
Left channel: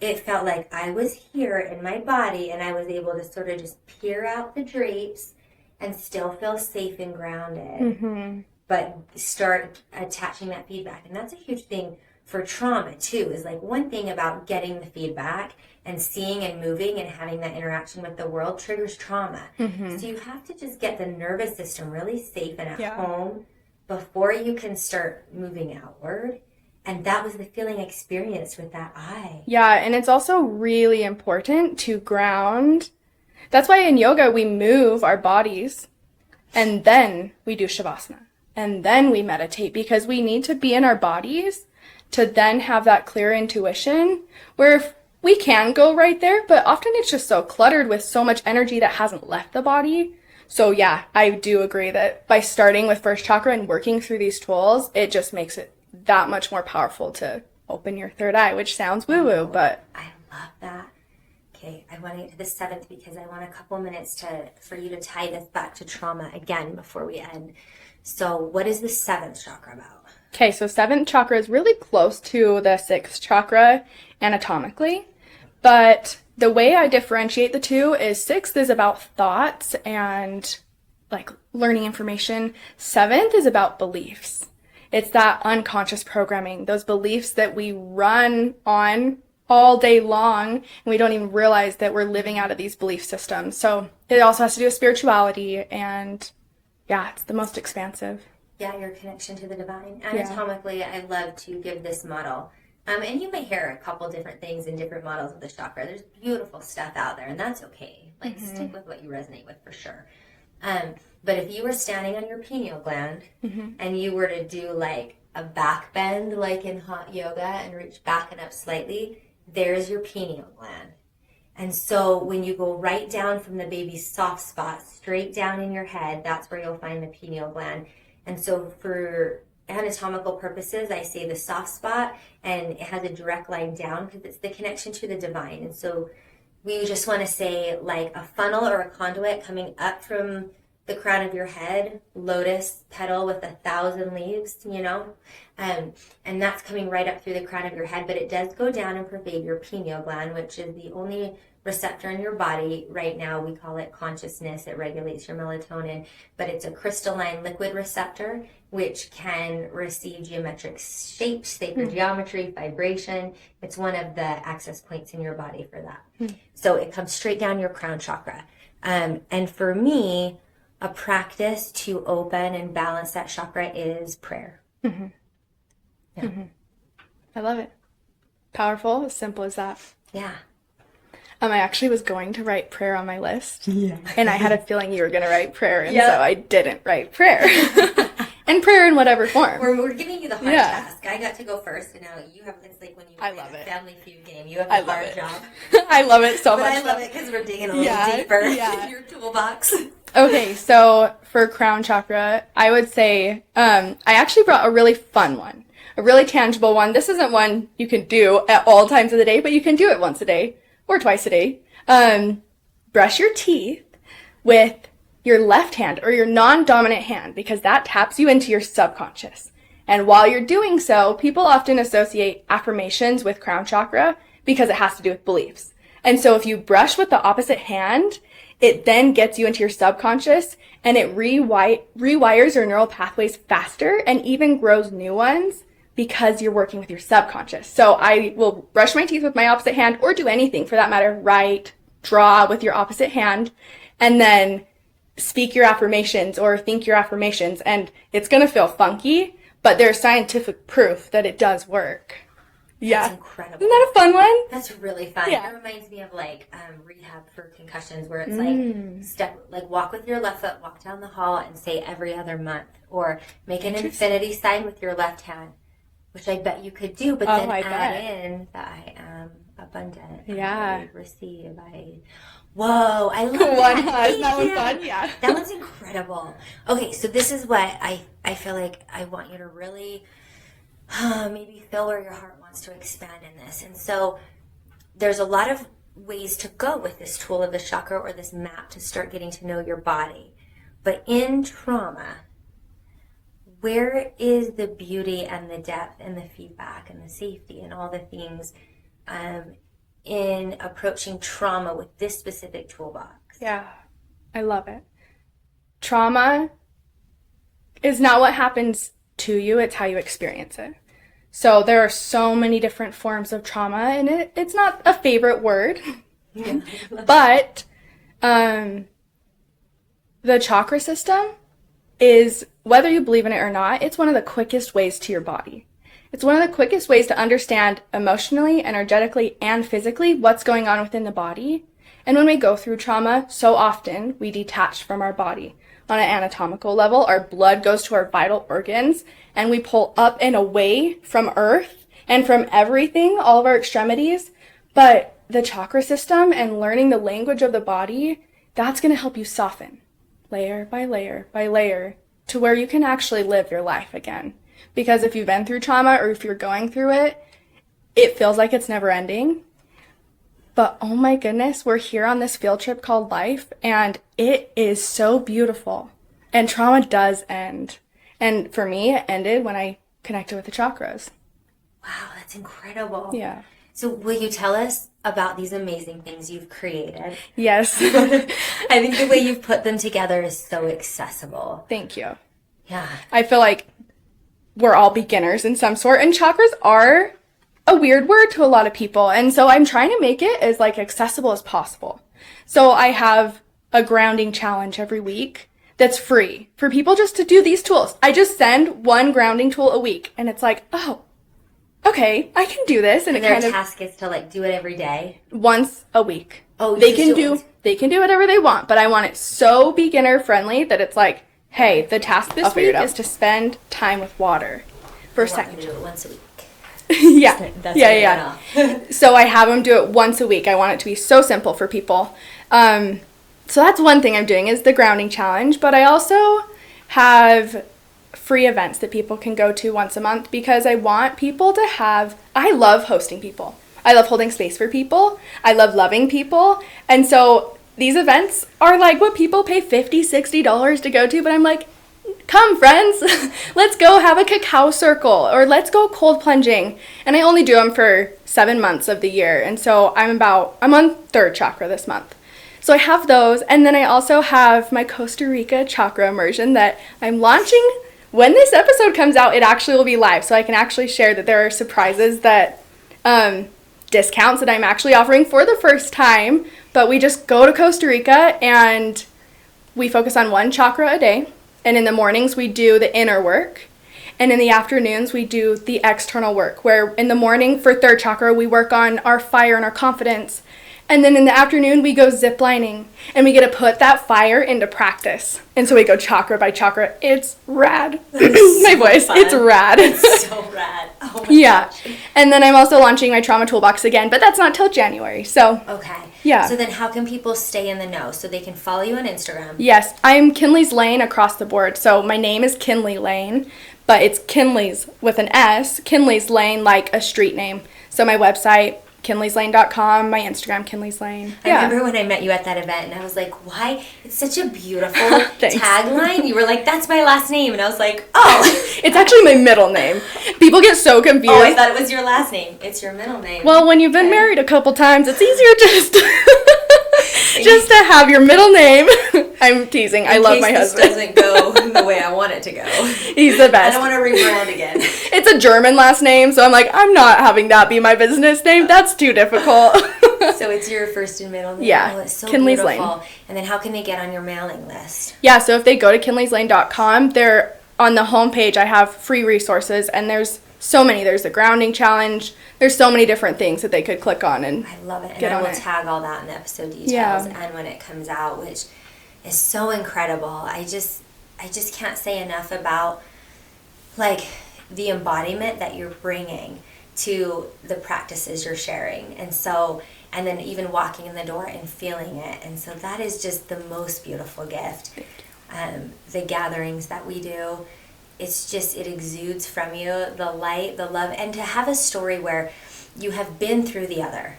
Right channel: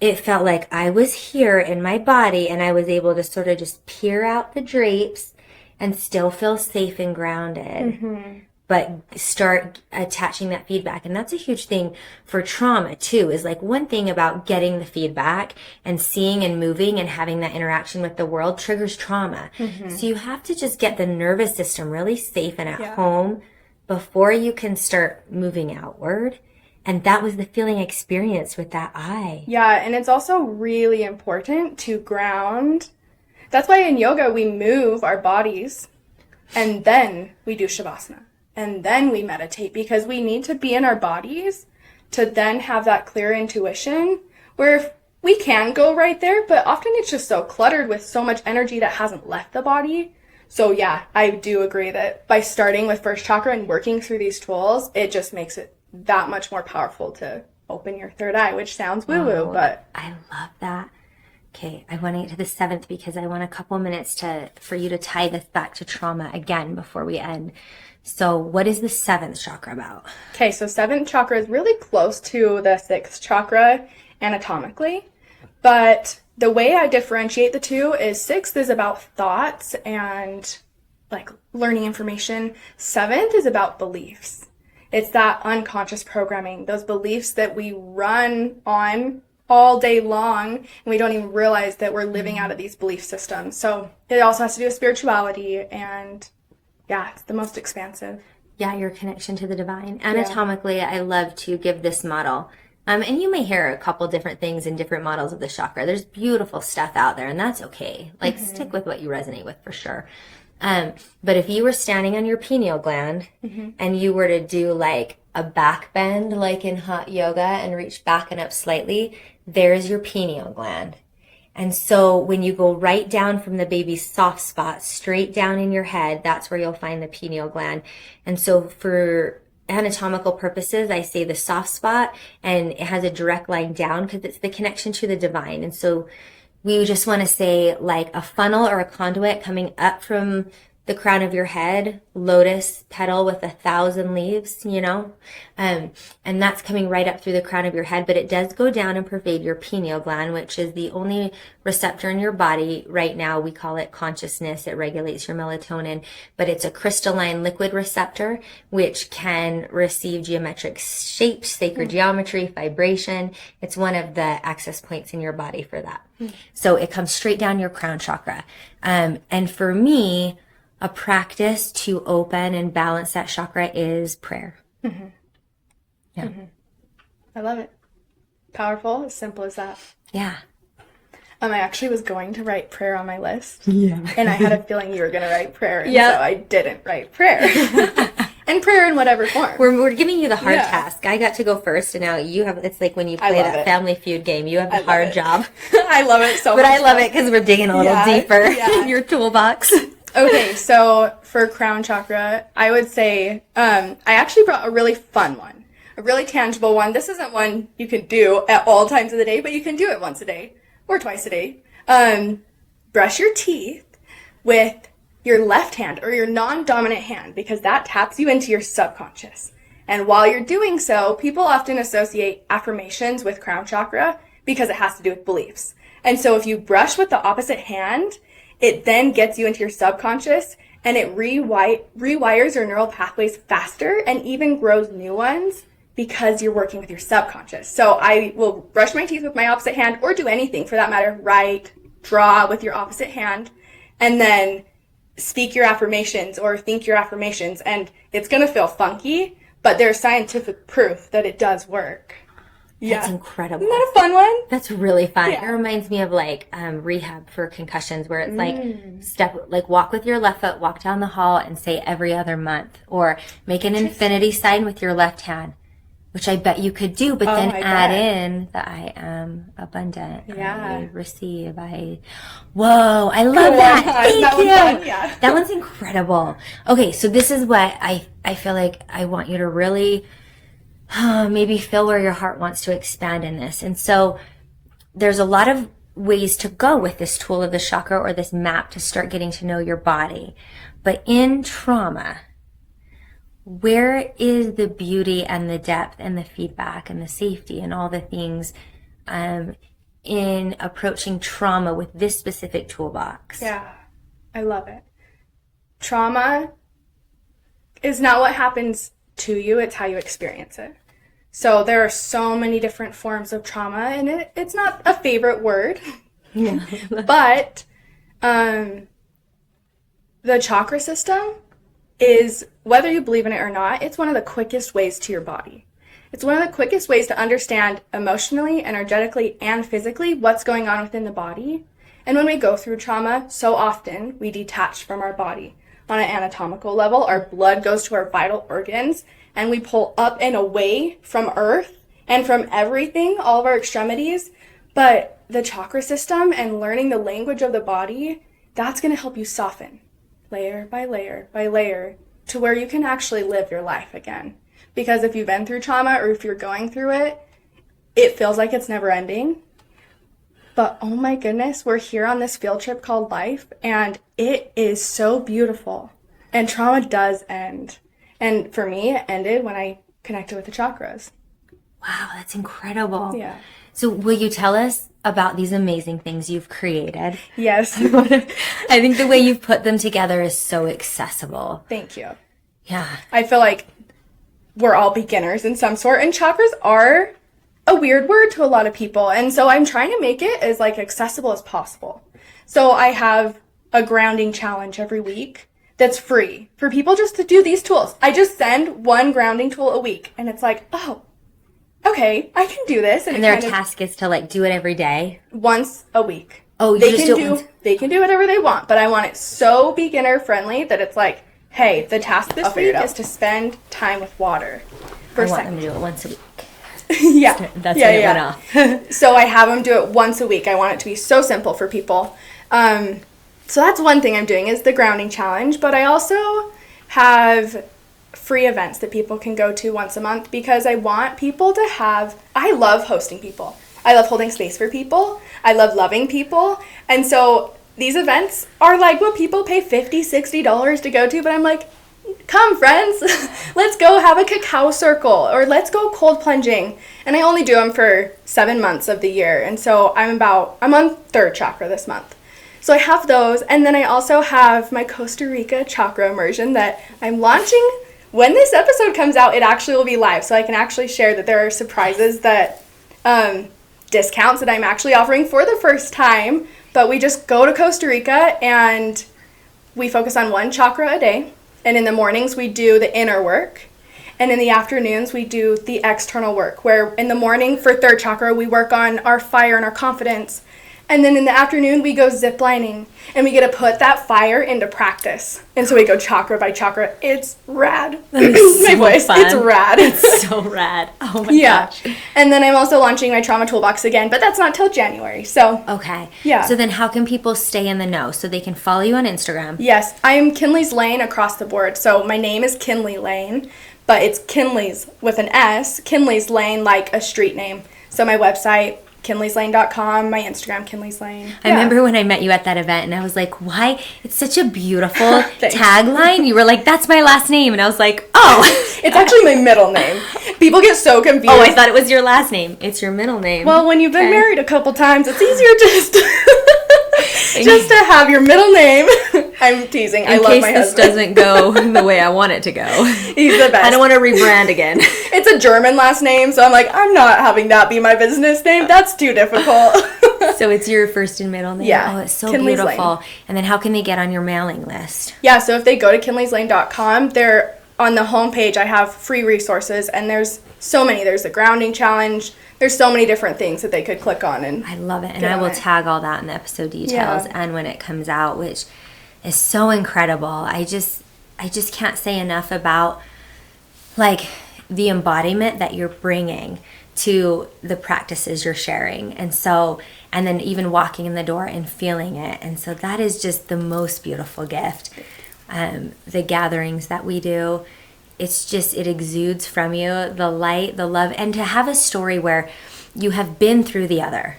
it felt like I was here in my body and I was able to sort of just peer out the drapes and still feel safe and grounded. But start attaching that feedback. And that's a huge thing for trauma too, is like one thing about getting the feedback and seeing and moving and having that interaction with the world triggers trauma. So you have to just get the nervous system really safe and at home before you can start moving outward. And that was the feeling I experienced with that eye. Yeah, and it's also really important to ground. That's why in yoga we move our bodies and then we do shavasana. And then we meditate, because we need to be in our bodies to then have that clear intuition, where if we can go right there, but often it's just so cluttered with so much energy that hasn't left the body. So yeah, I do agree that by starting with first chakra and working through these tools, it just makes it that much more powerful to open your third eye, which sounds woo-woo, but I love that. Okay, I want to get to the 7th because I want a couple minutes for you to tie this back to trauma again before we end. So what is the 7th chakra about? Okay, so 7th chakra is really close to the 6th chakra anatomically, but the way I differentiate the two is 6th is about thoughts and like learning information. 7th is about beliefs. It's that unconscious programming, those beliefs that we run on all day long, and we don't even realize that we're living out of these belief systems. So it also has to do with spirituality, and yeah, it's the most expansive. Yeah, your connection to the divine. Anatomically, I love to give this model. And you may hear a couple different things in different models of the chakra. There's beautiful stuff out there, and that's okay. Like, stick with what you resonate with for sure. But if you were standing on your pineal gland and you were to do like a back bend, like in hot yoga, and reach back and up slightly, there's your pineal gland. And so when you go right down from the baby's soft spot, straight down in your head, that's where you'll find the pineal gland. And so for anatomical purposes, I say the soft spot, and it has a direct line down because it's the connection to the divine. And so we just want to say like a funnel or a conduit coming up from the crown of your head, lotus petal with 1,000 leaves, you know, and that's coming right up through the crown of your head, but it does go down and pervade your pineal gland, which is the only receptor in your body right now. We call it consciousness. It regulates your melatonin, but it's a crystalline liquid receptor, which can receive geometric shapes, sacred geometry, vibration. It's one of the access points in your body for that. So it comes straight down your crown chakra. And for me, a practice to open and balance that chakra is prayer. Yeah. I love it. Powerful, as simple as that. Yeah. I actually was going to write prayer on my list. Yeah. And I had a feeling you were going to write prayer, and so I didn't write prayer. And prayer in whatever form. We're giving you the hard task. I got to go first, and now you have, it's like when you play that Family Feud game, you have the hard job. I love it so much. But I love it because we're digging a little deeper in your toolbox. Okay, so for crown chakra, I would say I actually brought a really fun one, a really tangible one. This isn't one you can do at all times of the day, but you can do it once a day or twice a day. Brush your teeth with your left hand or your non-dominant hand, because that taps you into your subconscious. And while you're doing so, people often associate affirmations with crown chakra because it has to do with beliefs. And so if you brush with the opposite hand, it then gets you into your subconscious, and it rewires your neural pathways faster and even grows new ones because you're working with your subconscious. So I will brush my teeth with my opposite hand, or do anything for that matter, write, draw with your opposite hand, and then speak your affirmations or think your affirmations. And it's going to feel funky, but there's scientific proof that it does work. Yeah. That's incredible. Isn't that a fun one? That's really fun. Yeah. It reminds me of like rehab for concussions, where it's like walk with your left foot, walk down the hall and say every other month, or make an infinity sign with your left hand, which I bet you could do, but then add in the I am abundant. I receive. Whoa, I love that. Thank you. Fun, yeah. That one's incredible. Okay, so this is what I feel like I want you to really maybe feel where your heart wants to expand in this. And so there's a lot of ways to go with this tool of the chakra or this map to start getting to know your body. But in trauma, where is the beauty and the depth and the feedback and the safety and all the things in approaching trauma with this specific toolbox? Yeah, I love it. Trauma is not what happens to you, it's how you experience it. So there are so many different forms of trauma, and it's not a favorite word, but the chakra system is, whether you believe in it or not, it's one of the quickest ways to your body. It's one of the quickest ways to understand emotionally, energetically, and physically what's going on within the body. And when we go through trauma, so often we detach from our body. On an anatomical level, our blood goes to our vital organs, and we pull up and away from earth and from everything, all of our extremities. But the chakra system and learning the language of the body, that's going to help you soften layer by layer by layer to where you can actually live your life again. Because if you've been through trauma or if you're going through it, it feels like it's never ending. But oh my goodness, we're here on this field trip called life, and it is so beautiful. And trauma does end. And for me, it ended when I connected with the chakras. Wow, that's incredible. Yeah. So will you tell us about these amazing things you've created? Yes. I think the way you've put them together is so accessible. Thank you. Yeah. I feel like we're all beginners in some sort, and chakras are a weird word to a lot of people. And so I'm trying to make it as like accessible as possible. So I have a grounding challenge every week that's free for people just to do these tools. I just send one grounding tool a week, and it's like, oh, okay, I can do this. And their task is to like do it every day? Once a week. Oh, they can do whatever they want, but I want it so beginner friendly that it's like, hey, the task this week is to spend time with water. I want them to do it once a week. Yeah. That's yeah. So I have them do it once a week. I want it to be so simple for people. So that's one thing I'm doing is the grounding challenge, but I also have free events that people can go to once a month because I want people to have, I love hosting people. I love holding space for people. I love loving people. And so these events are like what people pay $50, $60 to go to, but I'm like, come friends, let's go have a cacao circle or let's go cold plunging. And I only do them for 7 months of the year. And so I'm on third chakra this month. So I have those. And then I also have my Costa Rica Chakra Immersion that I'm launching. When this episode comes out, it actually will be live. So I can actually share that there are surprises that, discounts that I'm actually offering for the first time. But we just go to Costa Rica and we focus on one chakra a day. And in the mornings, we do the inner work. And in the afternoons, we do the external work, where in the morning for third chakra, we work on our fire and our confidence. And then in the afternoon, we go ziplining. And we get to put that fire into practice. And so we go chakra by chakra. It's rad. My voice. Fun. It's rad. It's so rad. Oh my gosh. And then I'm also launching my trauma toolbox again, but that's not till January. So okay. Yeah. So then how can people stay in the know? So they can follow you on Instagram. Yes. I'm Kinley's Lane across the board. So my name is Kinley Lane, but it's Kinley's with an S. Kinley's Lane, like a street name. So my website, kinleyslane.com, my Instagram, Kinley's Lane. I remember when I met you at that event and I was like, why? It's such a beautiful tagline. You were like, that's my last name. And I was like, oh. It's actually my middle name. People get so confused. Oh, I thought it was your last name. It's your middle name. Well, when you've been married a couple times, it's easier just to have your middle name. I'm teasing. I love my husband. This doesn't go the way I want it to go. He's the best. I don't want to rebrand again. It's a German last name, so I'm like, I'm not having that be my business name. That's too difficult. So it's your first and middle name? Yeah. Oh, it's so Kinley's beautiful. Lane. And then how can they get on your mailing list? Yeah, so if they go to kinleyslane.com, on the homepage, I have free resources, and there's so many. There's the grounding challenge. There's so many different things that they could click on. And I love it. And I will tag all that in the episode details and when it comes out, which is so incredible. I just can't say enough about like the embodiment that you're bringing to the practices you're sharing. And then even walking in the door and feeling it. And so that is just the most beautiful gift. The gatherings that we do, it exudes from you, the light, the love, and to have a story where you have been through the other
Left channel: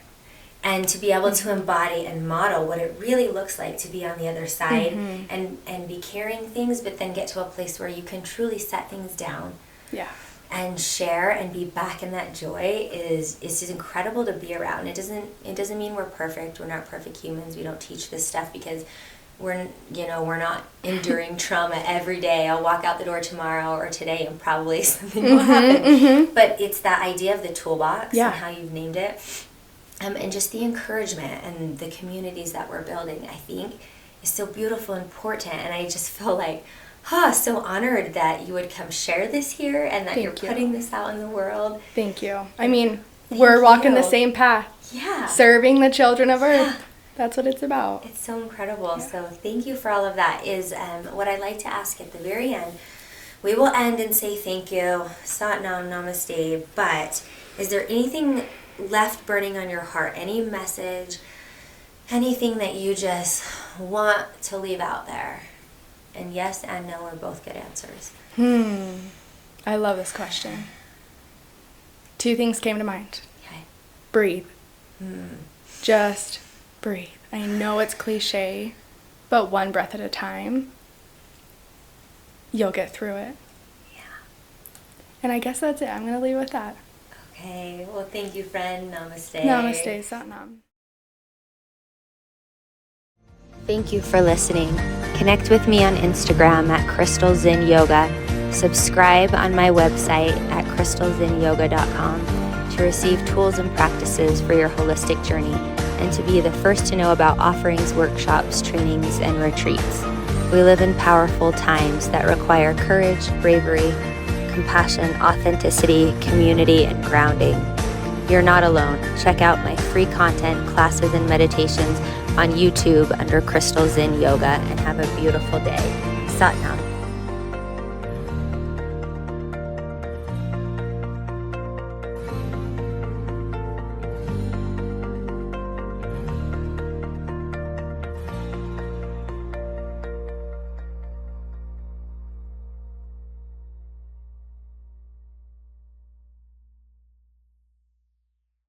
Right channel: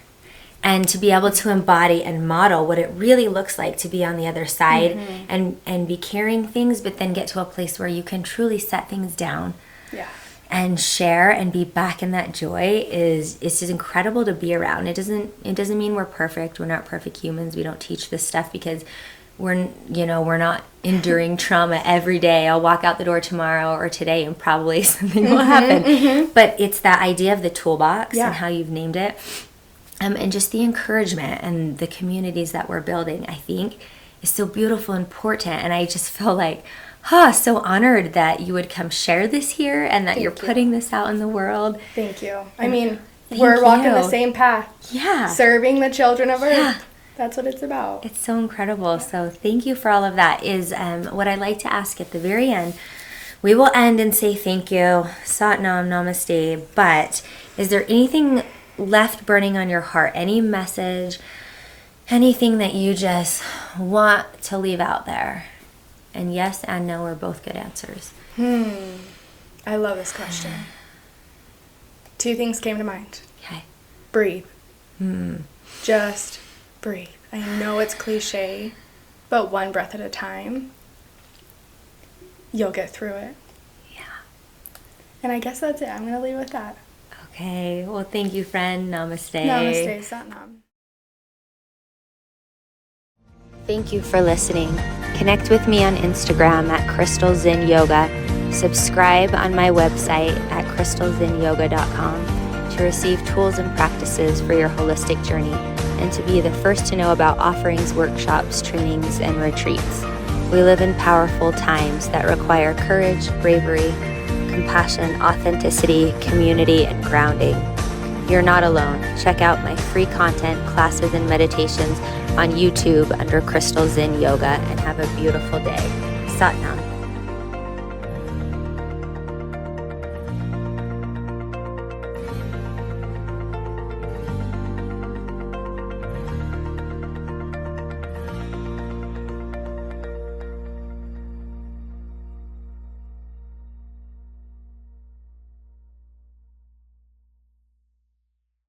and to be able to embody and model what it really looks like to be on the other side and be carrying things, but then get to a place where you can truly set things down and share and be back in that joy it's just incredible to be around. It doesn't mean we're perfect. We're not perfect humans. We don't teach this stuff because we're not enduring trauma every day. I'll walk out the door tomorrow or today and probably something will happen. But it's that idea of the toolbox and how you've named it. And just the encouragement and the communities that we're building, I think, is so beautiful and important. And I just feel like, so honored that you would come share this here and that you're putting this out in the world. Thank you. I mean, we're walking the same path. Yeah. Serving the children of Earth. Yeah. That's what it's about. It's so incredible. So thank you for all of that. Is what I like to ask at the very end. We will end and say thank you, Sat Nam, Namaste. But is there anything left burning on your heart? Any message? Anything that you just want to leave out there? And yes and no are both good answers. I love this question. 2 things came to mind. Okay. Breathe. Just breathe. I know it's cliche, but one breath at a time, you'll get through it. Yeah. And I guess that's it. I'm going to leave with that. Okay. Well, thank you, friend. Namaste. Namaste, Satnam. Thank you for listening. Connect with me on Instagram at Crystal Zen Yoga. Subscribe on my website at crystalzenyoga.com to receive tools and practices for your holistic journey and to be the first to know about offerings, workshops, trainings, and retreats. We live in powerful times that require courage, bravery, compassion, authenticity, community, and grounding. You're not alone. Check out my free content, classes, and meditations on YouTube under Crystal Zen Yoga and have a beautiful day. Sat Nam.